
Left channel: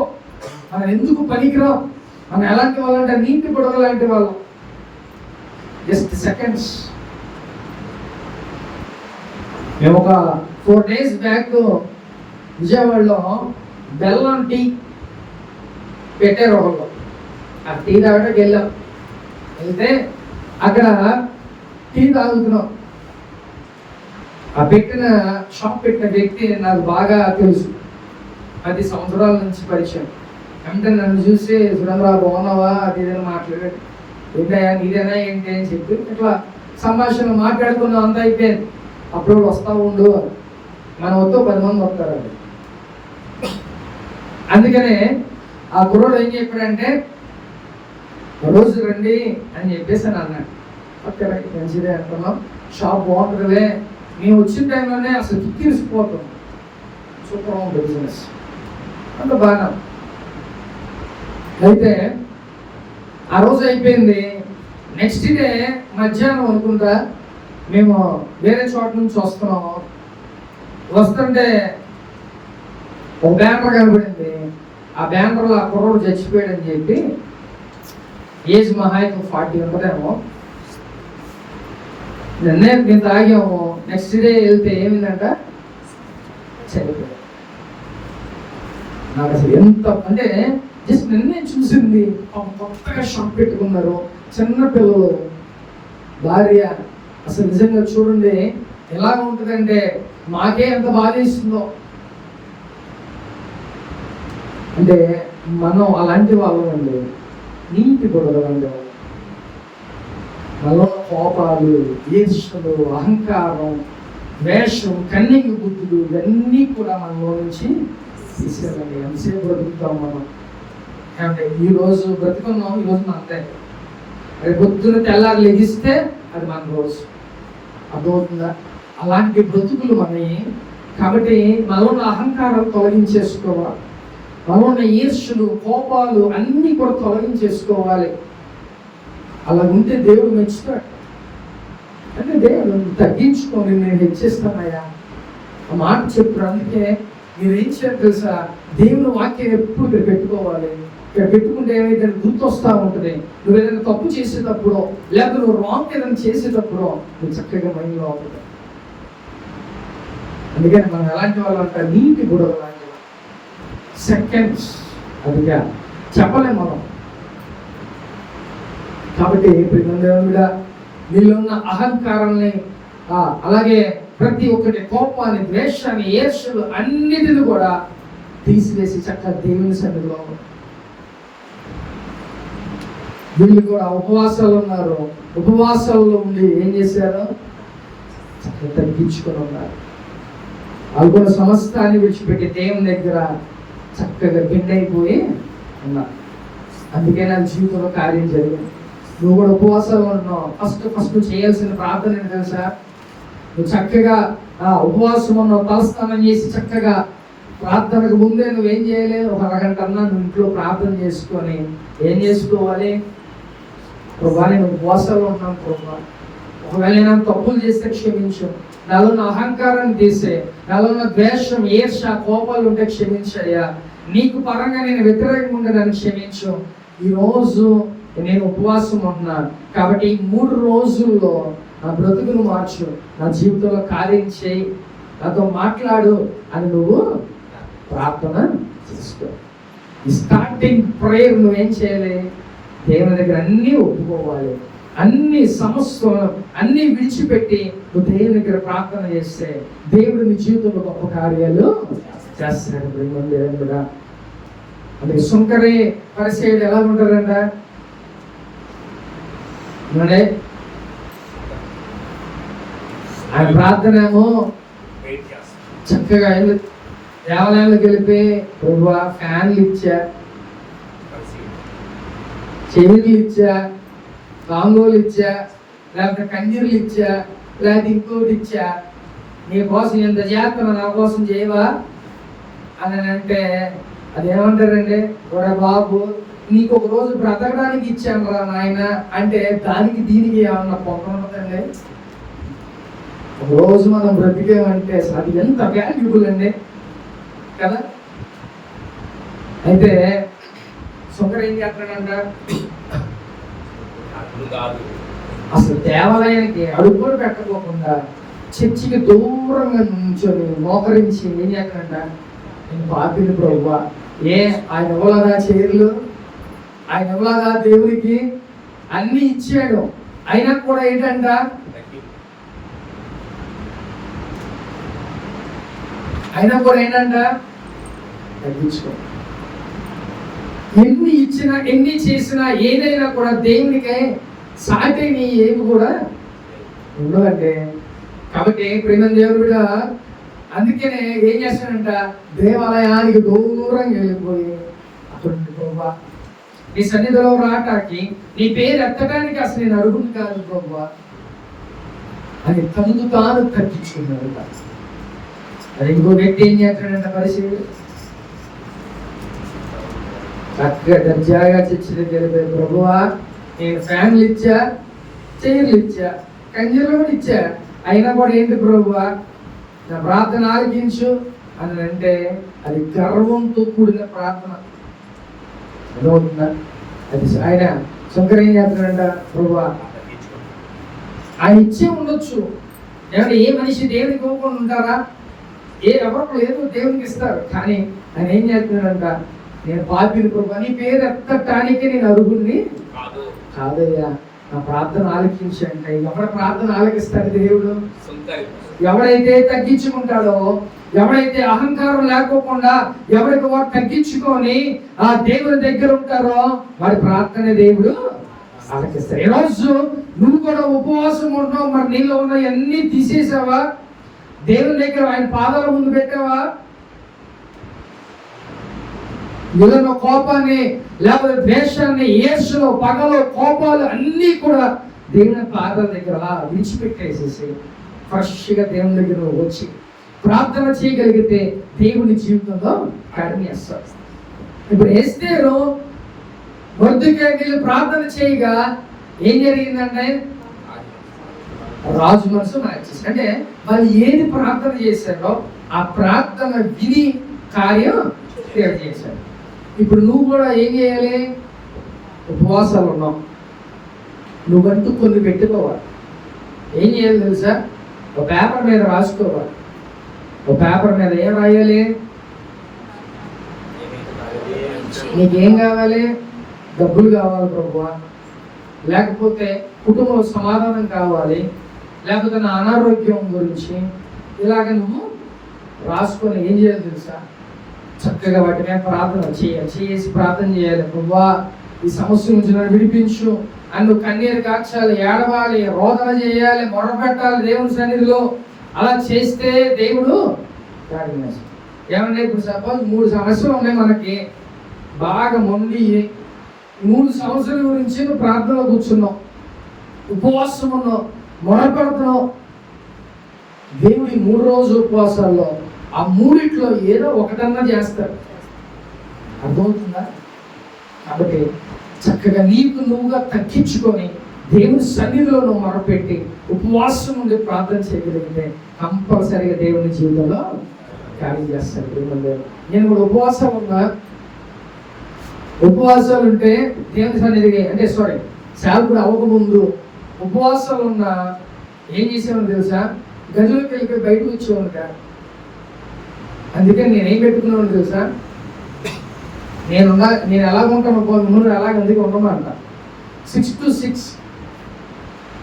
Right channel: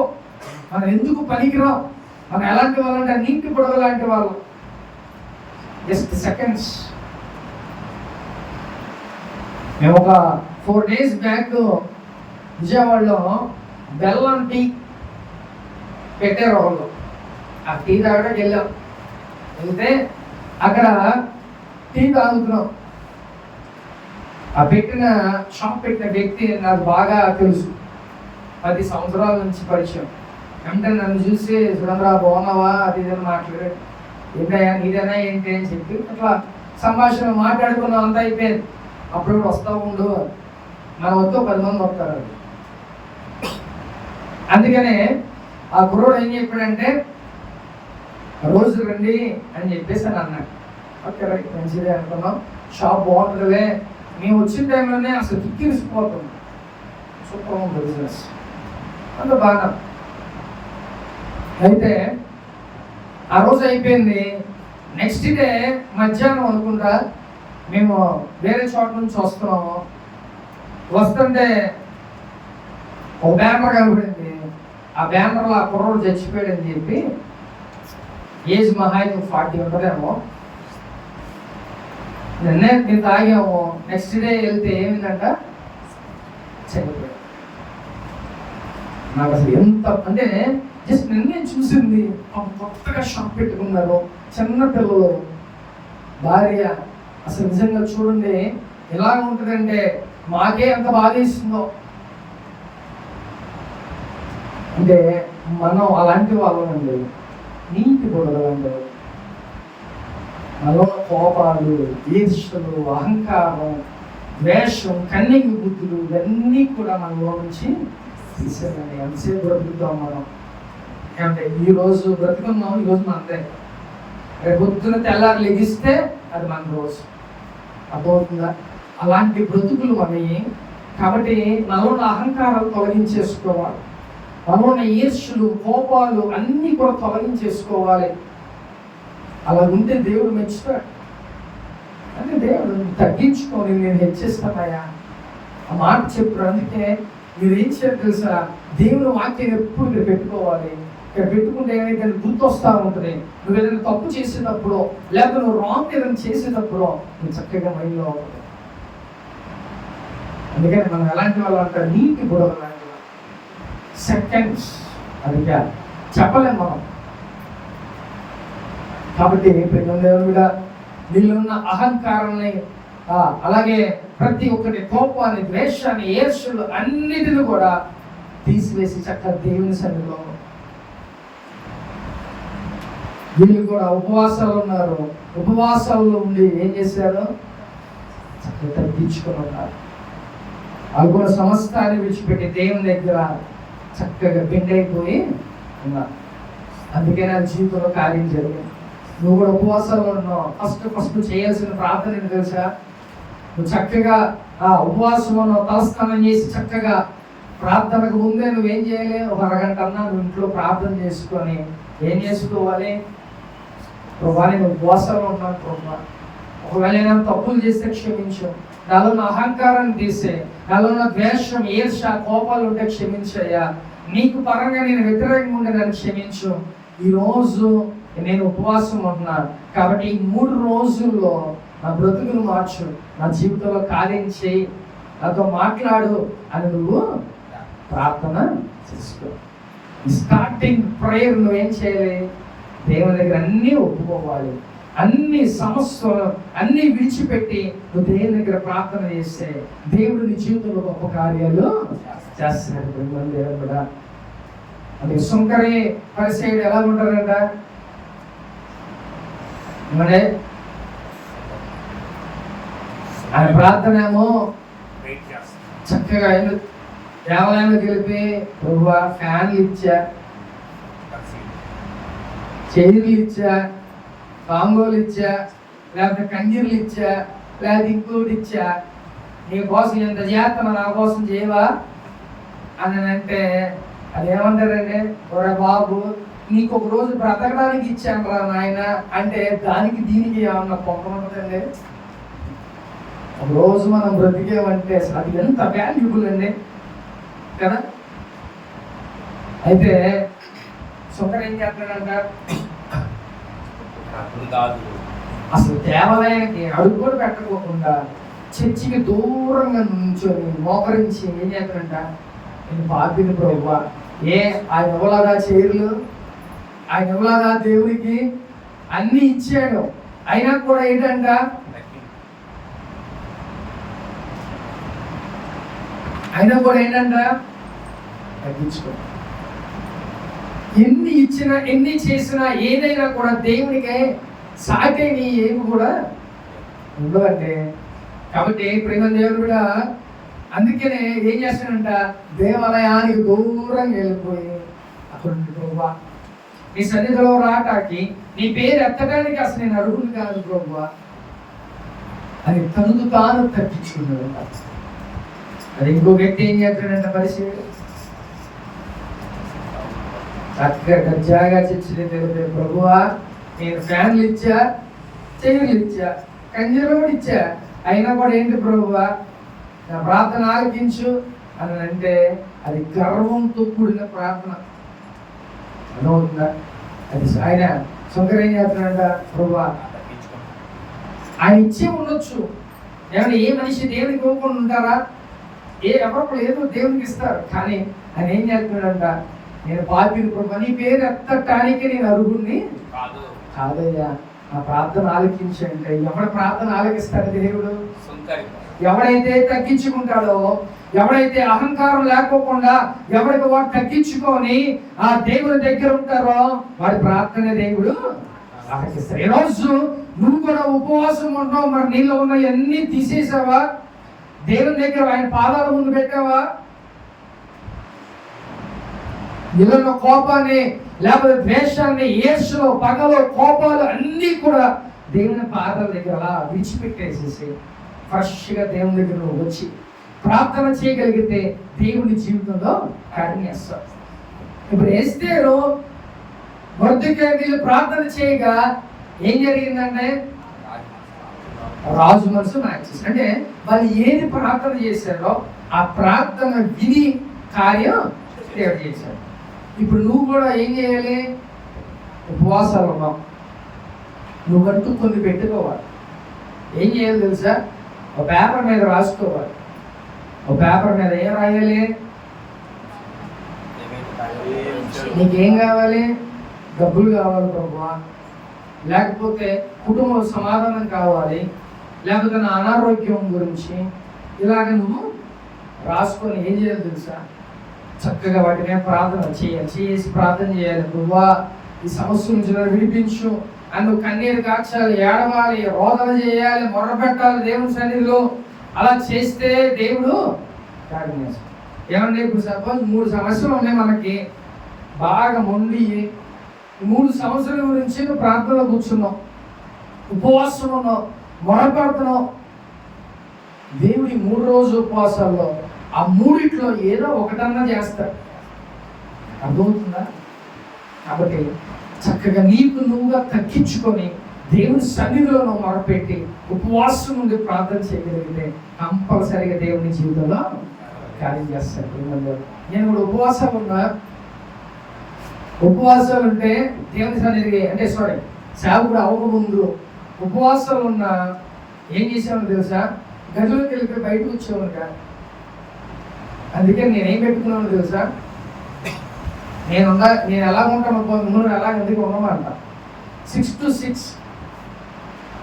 మనం ఎందుకు పనికిరాం, మనం ఎలాంటి వాళ్ళంటే నీటి గొడవ లాంటి వాళ్ళం. Just seconds. మేము ఒక 4 days బ్యాక్ విజయవాడలో బెల్లం టీ పెట్టారు ఒకళ్ళు. ఆ టీ తాగడానికి వెళ్ళాం. వెళ్తే అక్కడ టీ తాగుతున్నాం. ఆ షాప్ పెట్టిన వ్యక్తి నాకు బాగా తెలుసు, 10 సంవత్సరాల నుంచి పరిచయం. అంటే నన్ను చూసి సురేంద్ర బాగున్నావా అది ఇదని మాట్లాడాడు. ఏంటయ్యా నీదేనా ఏంటి అని చెప్పి అట్లా సంభాషణ మాట్లాడుకున్నాం. అంతా అయిపోయింది. అప్పుడు వస్తా ఉండు, మన వద్ద 10 మంది వస్తారు. అందుకనే ఆ కుర్రోడు ఏం చెప్పాడంటే రోజు రండి అని చెప్పేసి అని అన్నాడు. ఓకే రైట్, మంచిదే అనుకున్నాం. షాప్ బాగుంటుందిలే. మేము వచ్చిన టైంలోనే అసలు కిక్కిరిసిపోతుంది. సూపర్ బిజినెస్ అంత బాగా. అయితే ఆ రోజు అయిపోయింది. నెక్స్ట్ డే మధ్యాహ్నం అనుకుంటా మేము వేరే చోట నుంచి వస్తున్నాం. వస్తుంటే ఒక బ్యానర్ కనబడింది. ఆ బ్యానర్లో ఆ కుర్రోడు చచ్చిపోయాడని చెప్పి, ఏజ్ మహా అయితే 40 ఉంటుందేమో. మేము తాగాము. నెక్స్ట్ డే వెళ్తే ఏమిందంట, చనిపోయాడు. నాకు అసలు ఎంత అంటే జస్ట్ నిన్నే చూసింది. కొత్తగా షాప్ పెట్టుకున్నారు, చిన్న పిల్లలు, భార్య. అసలు నిజంగా చూడండి ఎలాగ ఉంటుందంటే మాకే ఎంత బాధేస్తుందో. అంటే మనం అలాంటి వాళ్ళండి, నీటి గొడవలు, మనలో కోపాలు, ఈర్ష్యలు, అహంకారం, ద్వేషం, కన్నింగ్ బుద్ధులు ఇవన్నీ కూడా మనలో నుంచి తీసేయాలండి. ఎంతసేపు బ్రతుకుతాం మనం అంటే ఈరోజు బ్రతుకున్నాం, ఈరోజు మన అంతే. రేపు పొద్దున తెల్లారి లెగిస్తే అది మన రోజు. అర్థమవుతుందా? అలాంటి బ్రతుకులు మనవి. కాబట్టి మనలో ఉన్న అహంకారాలు తొలగించేసుకోవాలి. మనలో ఉన్న ఈర్ష్యలు, కోపాలు అన్నీ కూడా తొలగించేసుకోవాలి. అలా ఉంటే దేవుడు మెచ్చుతాడు. అంటే దేవుడు తగ్గించుకొని నేను హెచ్చిస్తానయ్యా ఆ మాట చెప్తాడు. అందుకే మీరేం చేయాలి తెలుసా? దేవుని వాక్యం ఎప్పుడు ఇక్కడ పెట్టుకోవాలి. ఇక్కడ పెట్టుకుంటే ఏదైతే గుర్తొస్తా ఉంటుంది. నువ్వు ఏదైనా తప్పు చేసేటప్పుడు, లేకపోతే నువ్వు రాంగ్ ఏదైనా చేసేటప్పుడు నువ్వు చక్కగా మైండ్లో అవుతుంది. అందుకని మనం ఎలాంటి వాళ్ళు అంటారు, నీటి గొడవ లాంటి సెకండ్స్. అదిగా చెప్పలేము మనం. కాబట్టి దేవుడా నీళ్ళున్న అహంకారాన్ని, అలాగే ప్రతి ఒక్కటి కోపాన్ని, ద్వేషాన్ని, ఈర్ష్యలు అన్నిటిని కూడా తీసివేసి చక్కగా దేవుని సన్నిధిలో వీళ్ళు కూడా ఉపవాసాలు ఉన్నారు. ఉపవాసాల్లో ఉండి ఏం చేశారు? చక్కగా తగ్గించుకొని ఉన్నారు. వాళ్ళు కూడా సమస్తాన్ని విడిచిపెట్టి దేవుని దగ్గర చక్కగా బిండైపోయి ఉన్నారు. అందుకే నా జీవితంలో కార్యం జరిగింది. నువ్వు కూడా ఉపవాసాలు ఉంటున్నావు. ఫస్ట్ చేయాల్సిన ప్రార్థన ఏంటి తెలుసా? నువ్వు చక్కగా ఉపవాసం ఉన్నావు, తలస్నానం చేసి చక్కగా ప్రార్థనకు ముందే నువ్వేం చేయాలి? ఒక అరగంట అన్నా నువ్వు ఇంట్లో ప్రార్థన చేసుకొని ఏం చేసుకోవాలి? ప్రభా, నేను ఉపవాసాలు ఉన్నాను ప్రభా, ఒకవేళ నేను తప్పులు చేస్తే క్షమించు, నాలో ఉన్న అహంకారాన్ని తీసే, నాలో ఉన్న ద్వేషం, ఈర్ష, కోపాలు ఉంటే క్షమించయ్యా, నీకు పరంగా నేను వ్యతిరేకంగా ఉండే నన్ను క్షమించు. ఈరోజు నేను ఉపవాసం ఉంటున్నాను కాబట్టి ఈ 3 రోజుల్లో నా బ్రతుకును మార్చు, నా జీవితంలో కార్యం చేయి, నాతో మాట్లాడు అని నువ్వు ప్రార్థన చేసుకో. ఈ స్టార్టింగ్ ప్రేయర్ నువ్వేం చేయాలి? దేవుని దగ్గర అన్నీ ఒప్పుకోవాలి. అన్ని సమస్యలు అన్నీ విడిచిపెట్టి నువ్వు దేవుని దగ్గర ప్రార్థన చేస్తే దేవుడు నీ జీవితంలో గొప్ప కార్యాలు చేస్తాడు. దేవుడు కూడా అంటే సుంకరి పరిసైడ్ ఎలా ఉంటారంట అంటే ఆయన ప్రార్థన ఏమో చక్కగా దేవాలయంలోకి వెళ్ళిపోయి ప్రభువా ఫ్యాన్లు ఇచ్చా, చైర్లు ఇచ్చా, కాంగోలు ఇచ్చా, లేకపోతే కంజీర్లు ఇచ్చా, లేకపోతే ఇంకోటి ఇచ్చా, నీ కోసం ఎంత చేస్తాను నా కోసం చేయవా అని అంటే అది ఏమంటారండి, ఒరే బాబు నీకు ఒక రోజు బ్రతకడానికి ఇచ్చాను రా నాయన అంటే దానికి దీనికి ఏమన్నా పొంద ఉంటుందండి. ఒక రోజు మనం బ్రతికేమంటే అది ఎంత వాల్యుబుల్ అండి కదా. అయితే సుంకర్ ఏం చేస్తాడంట, అసలు దేవాలయానికి అడుగు కూడా పెట్టకోకుండా చర్చికి దూరంగా నుంచొని మోకరించి ఏం చేస్తాడంట, నేను పాపిని ప్రభువా, ఆయన ఇవ్వలేదా చైర్లు, ఆయన ఇవ్వలేదా దేవుడికి అన్ని ఇచ్చాడు, అయినా కూడా ఏంటంట తగ్గించుకో. ఎన్ని ఇచ్చినా ఎన్ని చేసినా ఏదైనా కూడా దేవునికి సాటేని ఏమి కూడా ఉండవంటే. కాబట్టి ప్రేమ దేవుడు కూడా అందుకనే ఏం చేస్తాడంట, దేవాలయానికి దూరంగా వెళ్ళిపోయి అక్కడ ప్రభువా నీ సన్నిధిలో రాటాకి నీ పేరు ఎత్తడానికి అసలు నేను అడుగును కాదు ప్రభువా అని తనకు తాను తగ్గించుకున్నాడు. అది ఇంకో వ్యక్తి ఏం చేస్తాడంట, పరిస్థితి చక్కగా దర్జాగా చర్చలు ప్రభువా నేను ఫ్యాన్లు ఇచ్చా, చైర్లు ఇచ్చా, కంజలు కూడా ఇచ్చా, అయినా కూడా ఏంటి ప్రభువా నా ప్రార్థన ఆలకించు అని అంటే అది గర్వంతో కూడిన ప్రార్థన. అదవుతుందా? అది ఆయన సుంకర్ ఏం చేస్తున్నాడంట, ప్రభువా ఆయన ఇచ్చే ఉండొచ్చు, ఏమంటే ఏ మనిషి దేవునికి ఇవ్వకుండా ఉంటారా, ఎవరికి లేదు దేవునికి ఇస్తారు, కానీ ఆయన ఏం చేస్తున్నాడంట, నేను పాపిని ప్రభువా నీ పేరు ఎత్తటానికి నేను అర్హుణ్ణి కాదయ్యా, నా ప్రార్థన ఆలకించండి. ఎవరి ప్రార్థన ఆలకిస్తాడు దేవుడు? ఎవడైతే తగ్గించుకుంటాడో, ఎవడైతే అహంకారం లేకోకుండా ఎవరికి వాడు తగ్గించుకొని ఆ దేవుని దగ్గర ఉంటారో వాడి ప్రార్థన దేవుడు ఆలకిస్తాడు. ఈరోజు నువ్వు కూడా ఉపవాసం ఉంటావు, మరి నీలో ఉన్న అన్ని తీసేసావా? దేవుని దగ్గర ఆయన పాదాల ముందు పెట్టావా? నీలో కోపాన్ని లేకపోతే ద్వేషాన్ని, ఈర్ష్యలో, పగలో, కోపాలు అన్నీ కూడా దేవుని పాదాల దగ్గర విడిచిపెట్టేసేసి ఫ్రెష్గా దేవుని దగ్గర వచ్చి ప్రార్థన చేయగలిగితే దేవుని జీవితంలో కార్యం చేస్తారు. ఇప్పుడు ఎస్తేరు మొర్దెకైలు ప్రార్థన చేయగా ఏం జరిగిందంటే రాజు మనసు మార్చేసి, అంటే వాళ్ళు ఏది ప్రార్థన చేశారో ఆ ప్రార్థన విని కార్యం చేశారు. ఇప్పుడు నువ్వు కూడా ఏం చేయాలి? ఉపవాసాలు ఉన్నావు, నువ్వంటూ కొన్ని పెట్టుకోవాలి. ఏం చేయాలి తెలుసా? ఒక పేపర్ మీద రాసుకోవాలి. ఒక పేపర్ మీద ఏం రాయాలి? నీకేం కావాలి? డబ్బులు కావాలి ప్రభువా, లేకపోతే కుటుంబ సమాధానం కావాలి, లేకపోతే నా అనారోగ్యం గురించి, ఇలాగ నువ్వు రాసుకొని ఏం చేయాలి తెలుసా? చక్కగా వాటి మీద ప్రార్థన చేసి ప్రార్థన చేయాలి. ప్రభువా ఈ సమస్య నుంచి నన్ను విడిపించు అని నువ్వు కన్నీరు కాచాలి, ఏడవాలి, రోదన చేయాలి, మొరపెట్టాలి దేవుని సన్నిధిలో. అలా చేస్తే దేవుడు కార్యం చేస్తాడు. ఏమంటే ఇప్పుడు సపోజ్ 3 సమస్యలు ఉన్నాయి మనకి, బాగా మొండి 3 సమస్యల గురించి నువ్వు ప్రార్థనలో కూర్చున్నావు, ఉపవాసం ఉన్నావు, మొరపెడుతున్నావు. దేవుడి 3 రోజు ఉపవాసాల్లో ఆ 3 ఏదో ఒకటన్నా చేస్తాడు. అర్థమవుతుందా? కాబట్టి చక్కగా నీకు నువ్వుగా తగ్గించుకొని దేవుని సన్నిధిలో నువ్వు మొరపెట్టి ఉపవాసం నుండి ప్రార్థన చేయగలిగితే కంపల్సరిగా దేవుని జీవితంలో కార్యం చేస్తాడు. నేను కూడా ఉపవాసాలు ఉన్నా, ఉపవాసాలు ఉంటే దేవుని సన్నిధికి అంటే సేవకుడు అవ్వకముందు ఉపవాసాలు ఉన్నా ఏం చేసామని తెలుసా? గదిలోకి వెళ్ళిపోయి బయటకు వచ్చేవానుగా. అందుకని నేనేం పెట్టుకున్నాను తెలుసా? నేను ఎలా ఉంటాను ముందు అలాగే అందుకే ఉండమంట. 6 to 6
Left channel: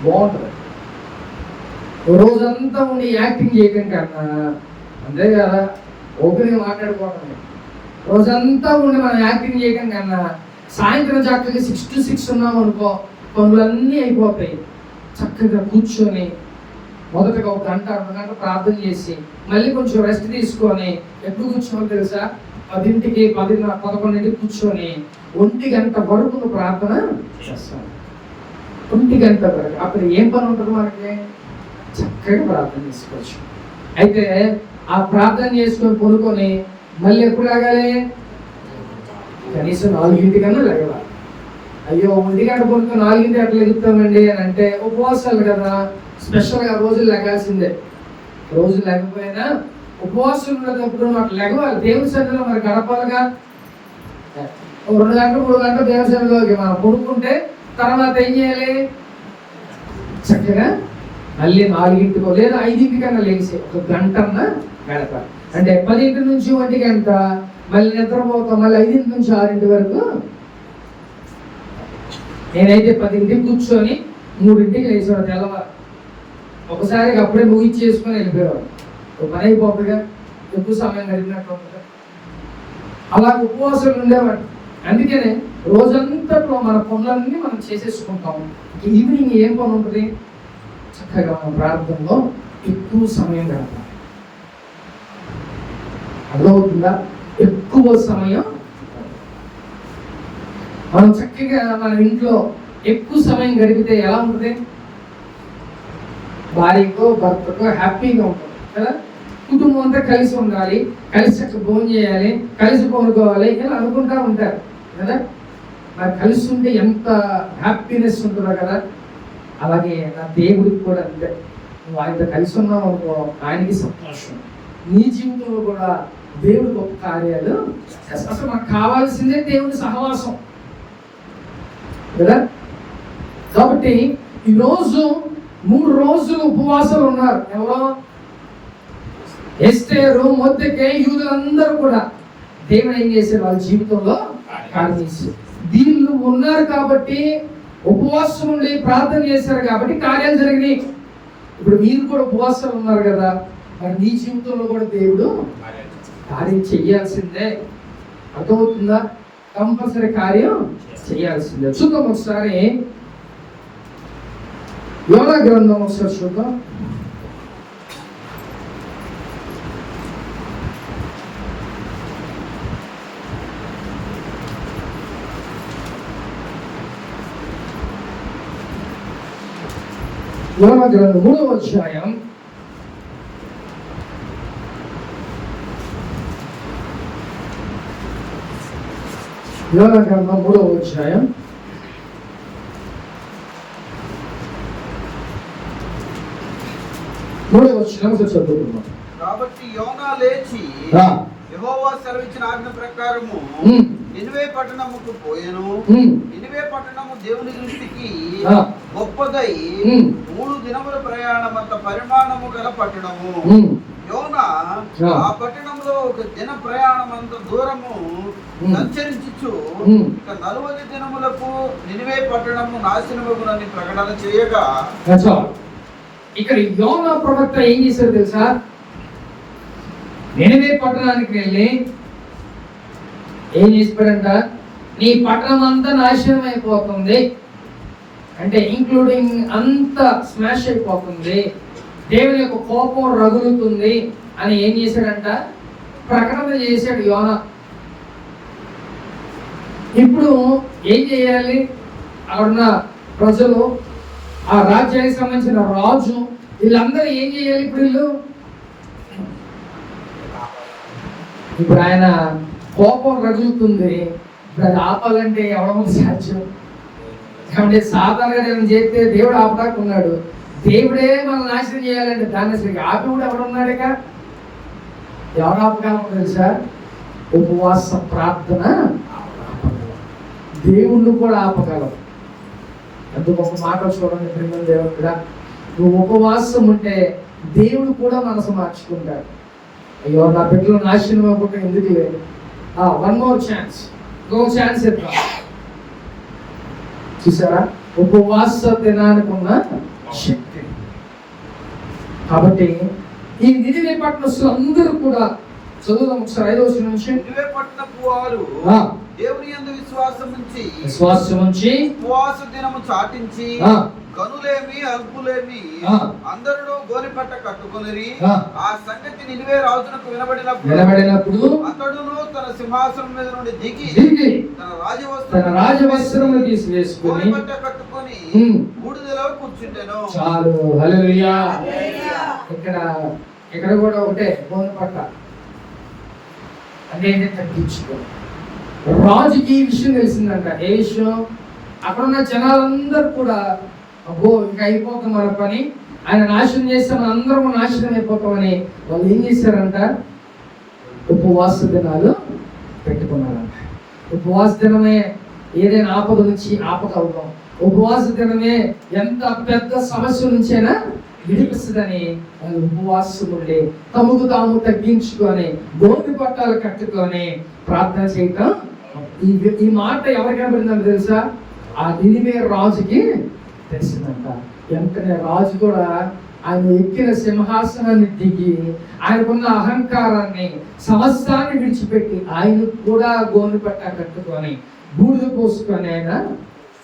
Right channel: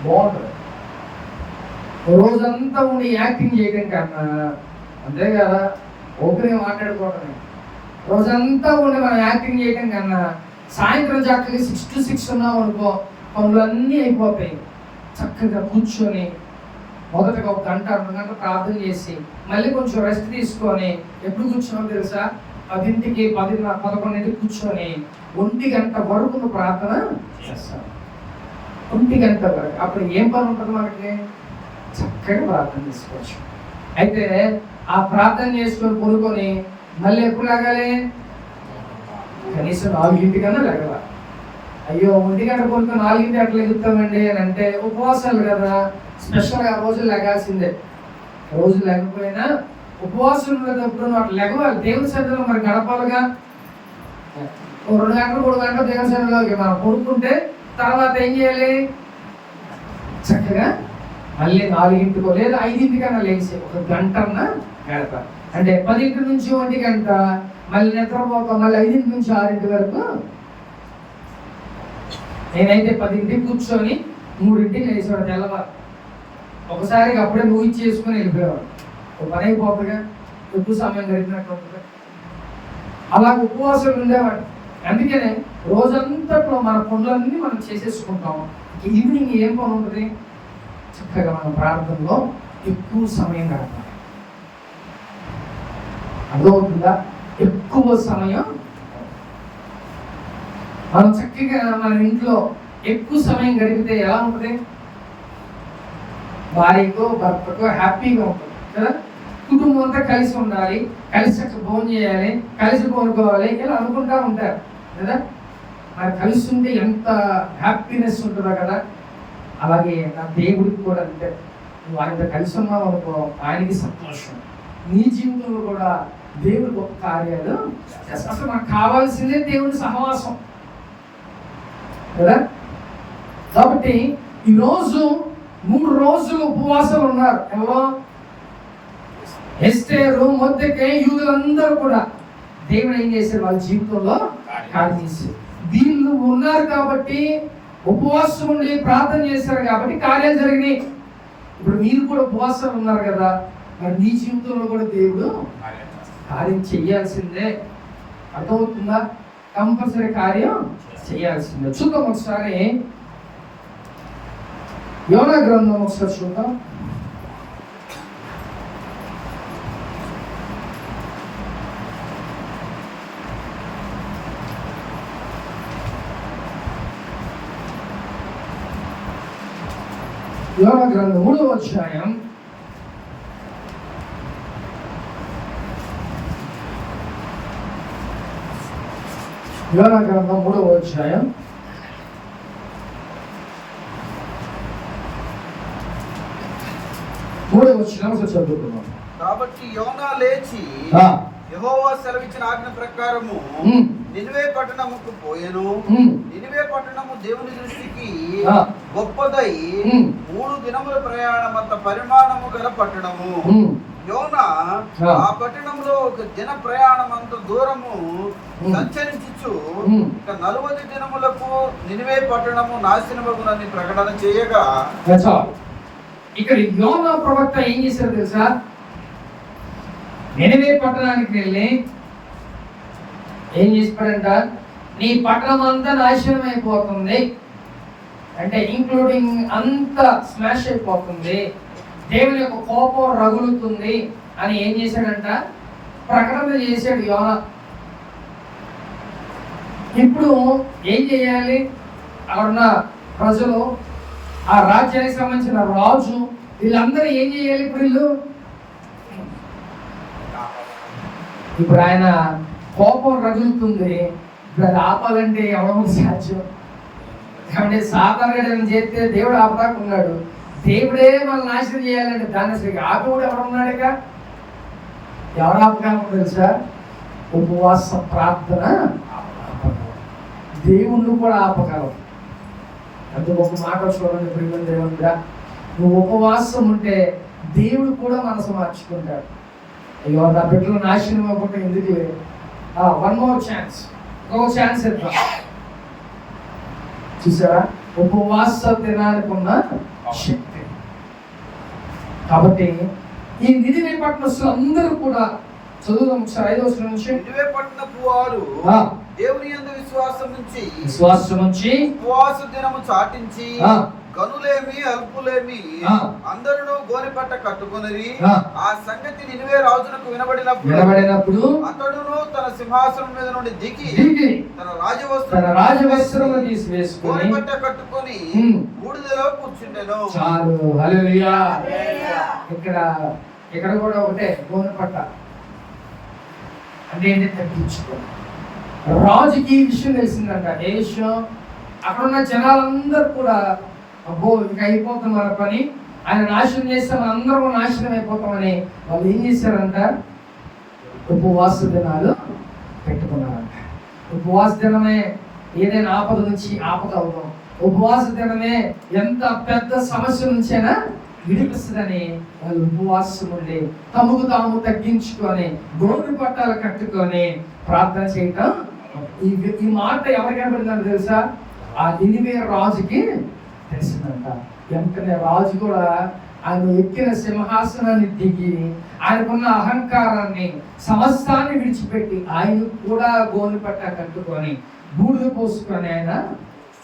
బాగుంటుంది. రోజంతా ఉండి యాక్టింగ్ చేయడం కన్నా, అంతే కదా, ఓపెనింగ్ మాట్లాడుకోవడమే. రోజంతా ఉండి మనం యాక్టింగ్ చేయడం కన్నా సాయంత్రం చక్కగా 6 to 6 ఉన్నాం అనుకో, పనులన్నీ అయిపోతాయి. చక్కగా కూర్చొని మొదటగా 1 గంట 2 గంటలు ప్రార్థన చేసి మళ్ళీ కొంచెం రెస్ట్ తీసుకొని, ఎప్పుడు కూర్చోమో తెలుసా, 10కి 11కి కూర్చొని 1 గంట వరకు ప్రార్థన చేస్తాను. 1 గంట వరకు. అప్పుడు ఏం పని ఉంటుంది మనకి? చక్కగా ప్రార్థన చేసుకోవచ్చు. అయితే ఆ ప్రార్థన చేసుకొని పడుకొని మళ్ళీ ఎప్పుడు లాగాలి? కనీసం 4 కన్నా లెగవాలి. అయ్యో 1 గంట పడుకొని 4 అట్లా ఎగుతామండి అని అంటే ఉపవాసాలు కదా, స్పెషల్గా రోజులు లెగాల్సిందే. రోజులు లేకపోయినా ఉపవాసం ఉన్నప్పుడు అట్లా లెగవాలి. దేవుని సన్నిధిలో మరి గడపాలిగా. 2 గంటలు 3 గంటలు దేవుని సన్నిధిలోకి మనం పడుకుంటే తర్వాత ఏం చేయాలి? చక్కగా మళ్ళీ 4 లేదా 5 కన్నా లేచి 1 గంటన్నా గడపాలి. అంటే 10 నుంచి 1 గంట, మళ్ళీ నిద్రపోతాం, మళ్ళీ 5 నుంచి 6 వరకు. నేనైతే 10కి కూర్చొని 3కి లేచేవాడు తెల్లవారు. ఒకసారి అప్పుడే ముగించేసుకొని వెళ్ళిపోయేవాడు. ఒక పని అయిపోతుందిగా, ఎక్కువ సమయం గడిపినట్టు. అలా ఉపవాసాలు ఉండేవాడు. అందుకనే రోజంతట్లో మన పనులన్నీ మనం చేసేసుకుంటాం. ఈవినింగ్ ఏం పని ఉంటుంది? చక్కగా మనం ప్రార్థనలో ఎక్కువ సమయం గడపాలి. అర్థమవుతుందా? ఎక్కువ సమయం మనం చక్కగా మన ఇంట్లో ఎక్కువ సమయం గడిపితే ఎలా ఉంటుంది? భార్యకో భర్తకో హ్యాపీగా ఉంటుంది కదా. కుటుంబం అంతా కలిసి ఉండాలి, కలిసి చక్కగా భోజనం చేయాలి, కలిసి కొనుక్కోవాలి, ఇలా అనుకుంటా ఉంటారు కదా. మరి కలిసి ఉంటే ఎంత హ్యాపీనెస్ ఉంటుందో కదా. అలాగే నా దేవుడికి కూడా అంతే. నువ్వు ఆయనతో కలిసి ఉన్నావు అనుకో, ఆయనకి సంతోషం. నీ జీవితంలో కూడా దేవుడికి ఒక కార్యాలు అసలు మనకు కావాల్సిందే దేవుడి సహవాసం కదా. కాబట్టి ఈరోజు 3 రోజులు ఉపవాసాలు ఉన్నారు. ఎవరో? ఎస్తేరు, మొర్దెకై, యూదులందరూ కూడా దేవుడు ఏం చేశారు? వాళ్ళ జీవితంలో కార్యం చేశారు. వీళ్ళు ఉన్నారు కాబట్టి, ఉపవాసం ఉండి ప్రార్థన చేశారు కాబట్టి కార్యాలు జరిగినాయి. ఇప్పుడు మీరు కూడా ఉపవాసాలు ఉన్నారు కదా, మరి నీ జీవితంలో కూడా దేవుడు కార్యం చెయ్యాల్సిందే. అర్థమవుతుందా? కంపల్సరీ కార్యం చేయాల్సిందే. చూద్దాం ఒకసారి యోనా గ్రంథం ఒకసారి చూద్దాం. యోనా గ్రంథం 3వ అధ్యాయం 3వ అధ్యాయం 3వ వచనం చదువుకుందాం. కాబట్టి యోనా లేచి యెహోవా సెలవిచ్చిన ఆజ్ఞ ప్రకారము నినివే పట్టణముకు పోయెను. నినివే పట్టణము దేవుని దృష్టికి గొప్పదై 3 దినముల ప్రయాణమంత పరిమాణము గల పట్టణము. యోనా ఆ పట్టణంలో 1 దిన ప్రయాణమంత దూరము సంచరించుచు ఇక 40 దినములకు నినివే పట్టణము నాశనమగునని ప్రకటన చేయగా, ఇక్కడ యోనా ప్రవక్త ఏం చేశారు తెలుసా? నినివే పట్టణానికి వెళ్ళి ఏం చేసిపోయాడంట? నీ పట్టణం అంతా నాశనం అయిపోతుంది, అంటే ఇంక్లూడింగ్ అంతా స్మాష్ అయిపోతుంది, దేవుని యొక్క కోపం రగులుతుంది అని ఏం చేశాడంట? ప్రకటన చేశాడు యోనా. ఇప్పుడు ఏం చేయాలి? అక్కడున్న ప్రజలు, ఆ రాజ్యానికి సంబంధించిన రాజు, వీళ్ళందరూ ఏం చేయాలి? ఇప్పుడు ఆయన కోపం రగులుతుంది. ఇప్పుడు అది ఆపాలంటే ఎవరో సాధ్యం? కాబట్టి సాధారణంగా చేస్తే దేవుడు ఆపడాకున్నాడు. దేవుడే మనం నాశనం చేయాలంటే దాన్ని అసలు ఆపేవాడు ఎవరున్నాడుగా? ఎవరు ఆపగలరు తెలుసా? ఉపవాస ప్రార్థన దేవుణ్ణి కూడా ఆపగలవు. అందుకు ఒక మాట చూడండి ప్రియమైన దేవుడా, నువ్వు ఉపవాసం ఉంటే దేవుడు కూడా మనసు మార్చుకుంటాడు. అయ్యో నా బిడ్డలు నాశనం అవ్వకుండా ఎందుకు? 1 more ఛాన్స్, ఇంకో ఛాన్స్ ఇద్దాం. చూసారా, ఉపవాస దినానికి ఉన్న శక్తి. కాబట్టి ఈ నినివే పట్టణస్తులు అందరూ కూడా చదువుదాం ఒకసారి 5వ వచనం నుంచి. నినివే పట్టణపు వారు దేవుని యందు విశ్వాసం ఉంచి ఉపవాస దినము చాటించి గనులేమి అల్పులేమి అందరూ గోనెపట్ట కట్టుకొనిరి. ఆ సంగతి నినివే రాజునకు వినబడినప్పుడు అతడును తన సింహాసనం మీద నుండి దిగి తన రాజవస్త్రమును తీసివేసుకొని గోనెపట్ట కట్టుకొని బూడిదలో కూర్చుండెను. చాలు, హల్లెలూయా. ఇక్కడ కూడా ఒకటే గోనెపట్ట అంటే తగ్గించుకో. రాజుకి ఈ విషయం తెలిసిందంట. ఏ విషయం? అక్కడ ఉన్న జనాలందరూ కూడా అబ్బో ఇంకా అయిపోతాం మన పని, ఆయన నాశనం చేస్తే మన అందరం నాశనం అయిపోతామని వాళ్ళు ఏం చేశారంట? ఉపవాస దినాలు పెట్టుకున్నారంట. ఉపవాస దినమే ఏదైనా ఆపద నుంచి ఆపద అవుతాం. ఉపవాస దినమే ఎంత పెద్ద సమస్య నుంచైనా విడిపిస్తుందని వాళ్ళు ఉపవాసం ఉండి తమకు తాము తగ్గించుకొని గోరు పట్టాలు కట్టుకొని ప్రార్థన చేయటం. ఈ మాట ఎవరికి పడిందని తెలుసా? ఆ నినివే రాజుకి తెలిసిందంట. వెంటనే రాజు కూడా ఆయన ఎక్కిన సింహాసనాన్ని దిగి ఆయనకున్న అహంకారాన్ని సమస్తాన్ని విడిచిపెట్టి ఆయన కూడా గోను పట్ట కట్టుకొని బూడిద పోసుకొని ఆయన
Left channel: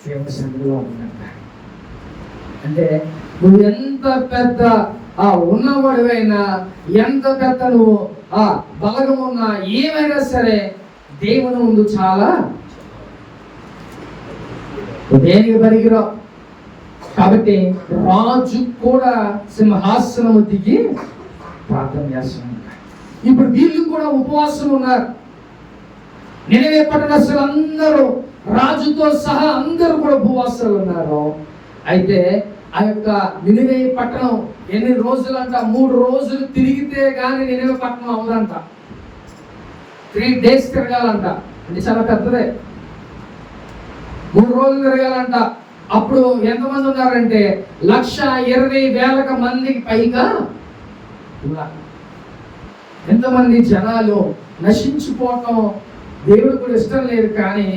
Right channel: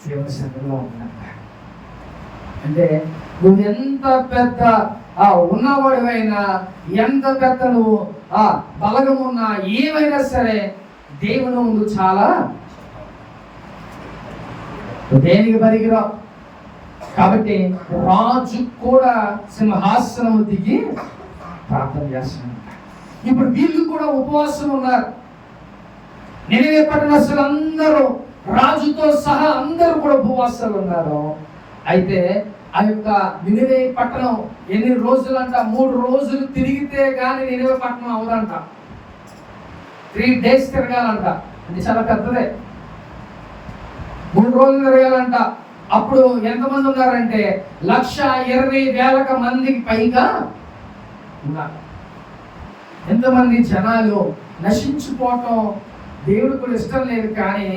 దేవుని సన్నిధిలో ఉన్నంట. అంటే నువ్వు ఎంత పెద్ద ఉన్నవాడివైనా, ఎంత పెద్ద నువ్వు బలగం ఉన్నా, ఏమైనా సరే దేవుని ముందు చాలా దేనికి పనికిరావు. కాబట్టి రాజు కూడా సింహాసనము దిగి ప్రార్థన చేస్తున్నారు. ఇప్పుడు వీళ్ళు కూడా ఉపవాసం ఉన్నారు. నినివే పట్టణస్తులు అందరూ రాజుతో సహా అందరూ కూడా ఉపవాసాలు ఉన్నారు. అయితే ఆ యొక్క నినివే పట్టణం ఎన్ని రోజులంట? 3 రోజులు తిరిగితే గాని నినివే పట్టణం అవ్వదంట. 3 days తిరగాలంట. అంటే చాలా పెద్దదే. 3 రోజులు తిరగాలంట. అప్పుడు ఎంతమంది ఉన్నారంటే 1,20,000 మందికి పైగా ఉన్నారు. ఎంతమంది జనాలు నశించిపోవటం దేవుడు కూడా ఇష్టం లేదు. కానీ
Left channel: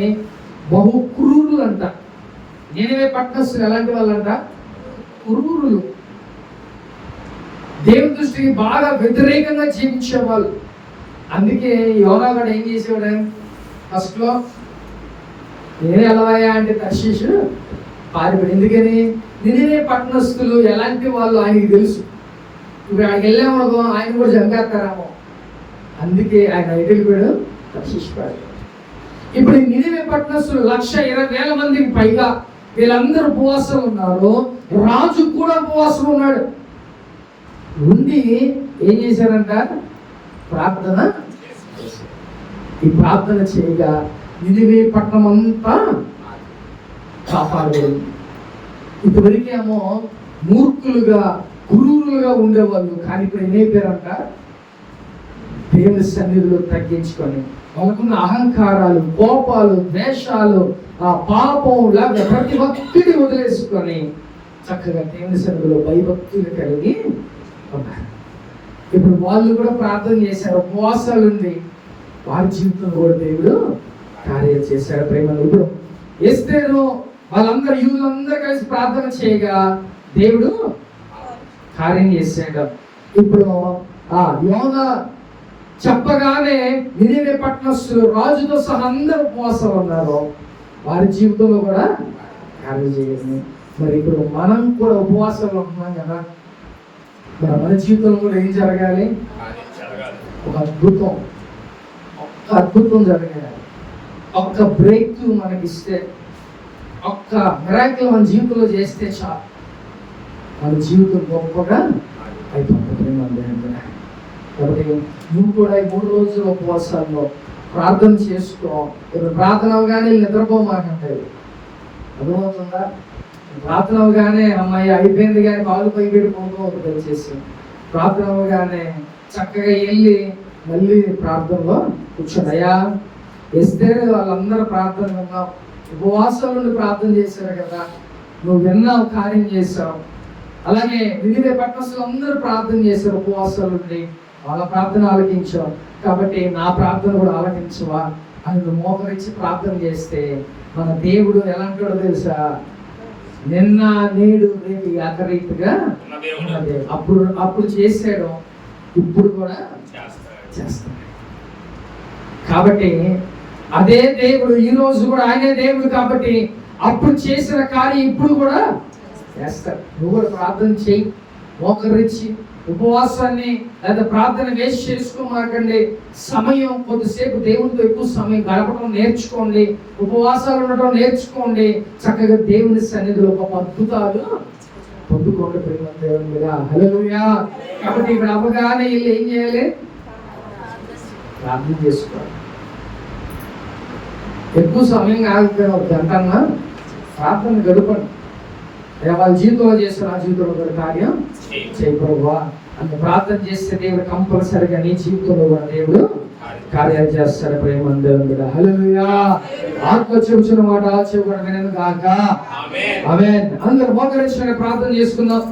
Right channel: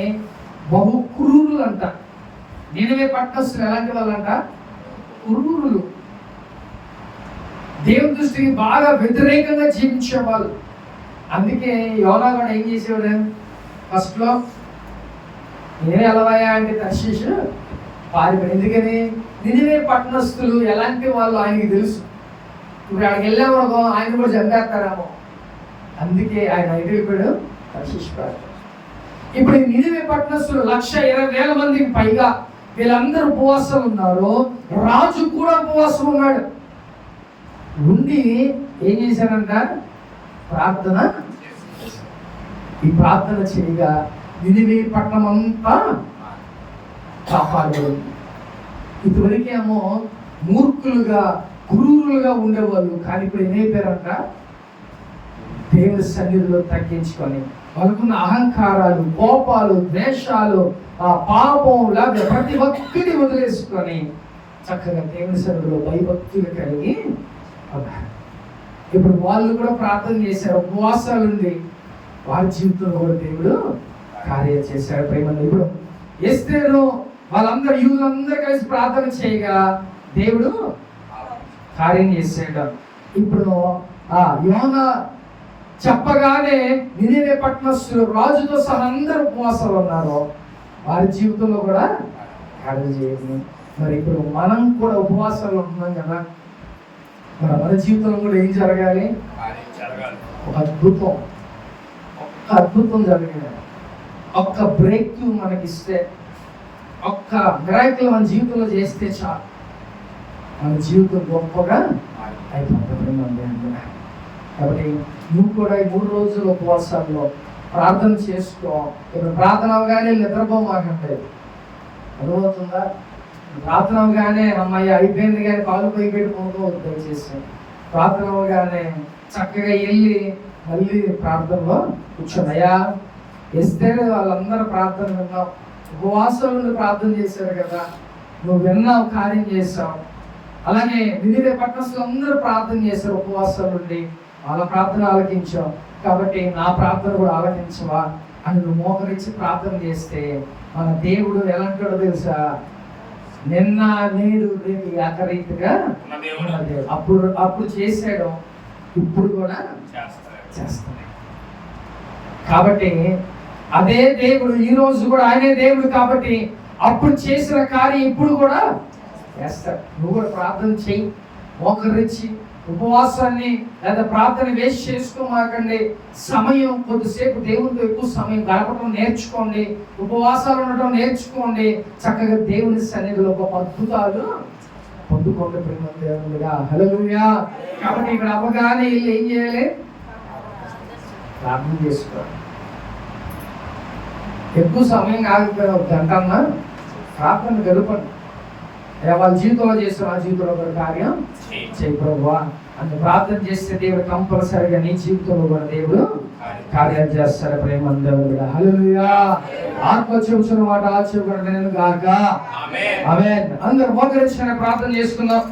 బహు క్రూరులు అంట. నినివే పట్టణస్తులు ఎలాంటి వాళ్ళంట? క్రూరులు. దేవుని దృష్టికి బాగా వ్యతిరేకంగా జీవించేవాళ్ళు. అందుకే యోనా కూడా ఏం చేసేవాడు? ఫస్ట్ లో నేను ఎలావయ్యా అంటే తర్షీషు పారిపోయి. ఎందుకని? నినివే పట్టణస్తులు ఎలాంటి వాళ్ళు ఆయనకి తెలుసు. ఇప్పుడు ఆయనకి వెళ్ళామనుకో ఆయన కూడా చంపేస్తారేమో. అందుకే ఆయన ఎదురుపడు తర్షీషు పారిపోయాడు. ఇప్పుడు నినివే పట్టణస్తులు 1,20,000 మందికి పైగా వీళ్ళందరూ ఉపవాసం ఉన్నారు. రాజు కూడా ఉపవాసం ఉన్నాడు. ఉండి ఏం చేశారంట? ప్రార్థన. ఈ ప్రార్థన చేయగా నినివే పట్టణం అంతా కాపాడేది. ఇప్పటికేమో మూర్ఖులుగా క్రూరులుగా ఉండేవాళ్ళు. కానీ ఇప్పుడు ఏమైపోయారంట? దేవుని సన్నిధిలో తగ్గించుకొని వాళ్ళకున్న అహంకారాలు, కోపాలు, ద్వేషాలు, పాపం లేదా ప్రతి ఒక్కటి వదిలేసుకొని చక్కగా దేవుని సన్నిధిలో భయభక్తులు కలిగి ఉన్నారు. ఇప్పుడు వాళ్ళు కూడా ప్రార్థన చేశారు. ఉపవాసాలు ఉంది. వారి జీవితంలో కూడా దేవుడు కార్యం చేశారు. ప్రేమలో ఇప్పుడు ఎస్తేరు వాళ్ళందరూ యూదులందరూ కలిసి ప్రార్థన చేయగా దేవుడు కార్యం చేశాడు. ఇప్పుడు యోనా చెప్పగానే నినివే పట్టణస్తులు రాజుతో సహా అందరూ ఉపవాసాలు ఉన్నారు. వారి జీవితంలో కూడా కార్యం చేయాలి. మరి ఇప్పుడు మనం కూడా ఉపవాసాలు ఉంటున్నాం కదా, మన జీవితంలో కూడా ఏం జరగాలి? ఒక అద్భుతం జరగాలి. ఒక్క బ్రేక్ త్రూ మనకి ఇస్తే, ఒక్క మిరాకిల్ మన జీవితంలో చేస్తే చాలు, మన జీవితం గొప్పగా అయిపోతుంది. కాబట్టి నువ్వు కూడా ఈ 3 రోజుల ఉపవాసాల్లో ప్రార్థన చేసుకో. ఇప్పుడు ప్రార్థన అవగానే నిద్రపోమాకంటే అర్థమవుతుందా? ప్రార్థన అవగానే అమ్మాయి అయిపోయింది కానీ కాళ్ళు పై పెట్టుకోవద్దు దయచేసి. ప్రార్థన అవగానే చక్కగా వెళ్ళి మళ్ళీ ప్రార్థనలో కూర్చోనయ్యా. వేస్తే వాళ్ళందరూ ప్రార్థన విన్నావు, ఉపవాసాల నుండి ప్రార్థన చేశారు కదా, నువ్వు విన్నావు, కార్యం చేశావు. అలాగే నినివే పట్టణస్తులు అందరూ ప్రార్థన చేశారు ఉపవాసాల నుండి, వాళ్ళ ప్రార్థన ఆలకించావు. కాబట్టి నా ప్రార్థన కూడా ఆలకించవా అని నువ్వు మోకరించి ప్రార్థన చేస్తే మన దేవుడు ఎలాంటివాడో తెలుసా? నిన్న నేడు రేపు ఏకరీతిగా ఉన్న దేవుడు. అప్పుడు చేశాడు, ఇప్పుడు కూడా చేస్తాడు. కాబట్టి అదే దేవుడు ఈ రోజు కూడా ఆయనే దేవుడు. కాబట్టి అప్పుడు చేసిన కార్యం ఇప్పుడు కూడా చేస్తాడు. నువ్వు కూడా ప్రార్థన చెయ్యి, మోకరించి ఉపవాసాన్ని లేదా ప్రార్థన వేస్ట్ చేసుకోమాకండి. సమయం కొద్దిసేపు దేవునితో ఎక్కువ సమయం గడపడం నేర్చుకోండి, ఉపవాసాలు ఉండటం నేర్చుకోండి. చక్కగా దేవుని సన్నిధిలో గొప్ప అద్భుతాలు పొందుకోండి. ప్రేమ దేవునిగా హల్లెలూయా. కాబట్టి ఇక్కడ అవగానే వీళ్ళు ఏం చేయాలి? ప్రార్థన చేసుకోవాలి. ఎక్కువ సమయం కాకపోయినా ఒక గంట అన్నా ప్రార్థన గడపండి. వాళ్ళ జీవితంలో చేసిన నా జీవితంలో కూడా కార్యం చేయి ప్రభువా అని ప్రార్థన చేస్తే దేవుడు కంపల్సరిగా నీ జీవితంలో కూడా దేవుడు కార్యాలు చేస్తాడు. ప్రేమందరం కూడా హల్లెలూయా. ఆత్మ చెబుతున్న మాట ఆచరణ వినను గాక. ఆమేన్. అందరూ మోకరించి ప్రార్థన చేసుకుందాం.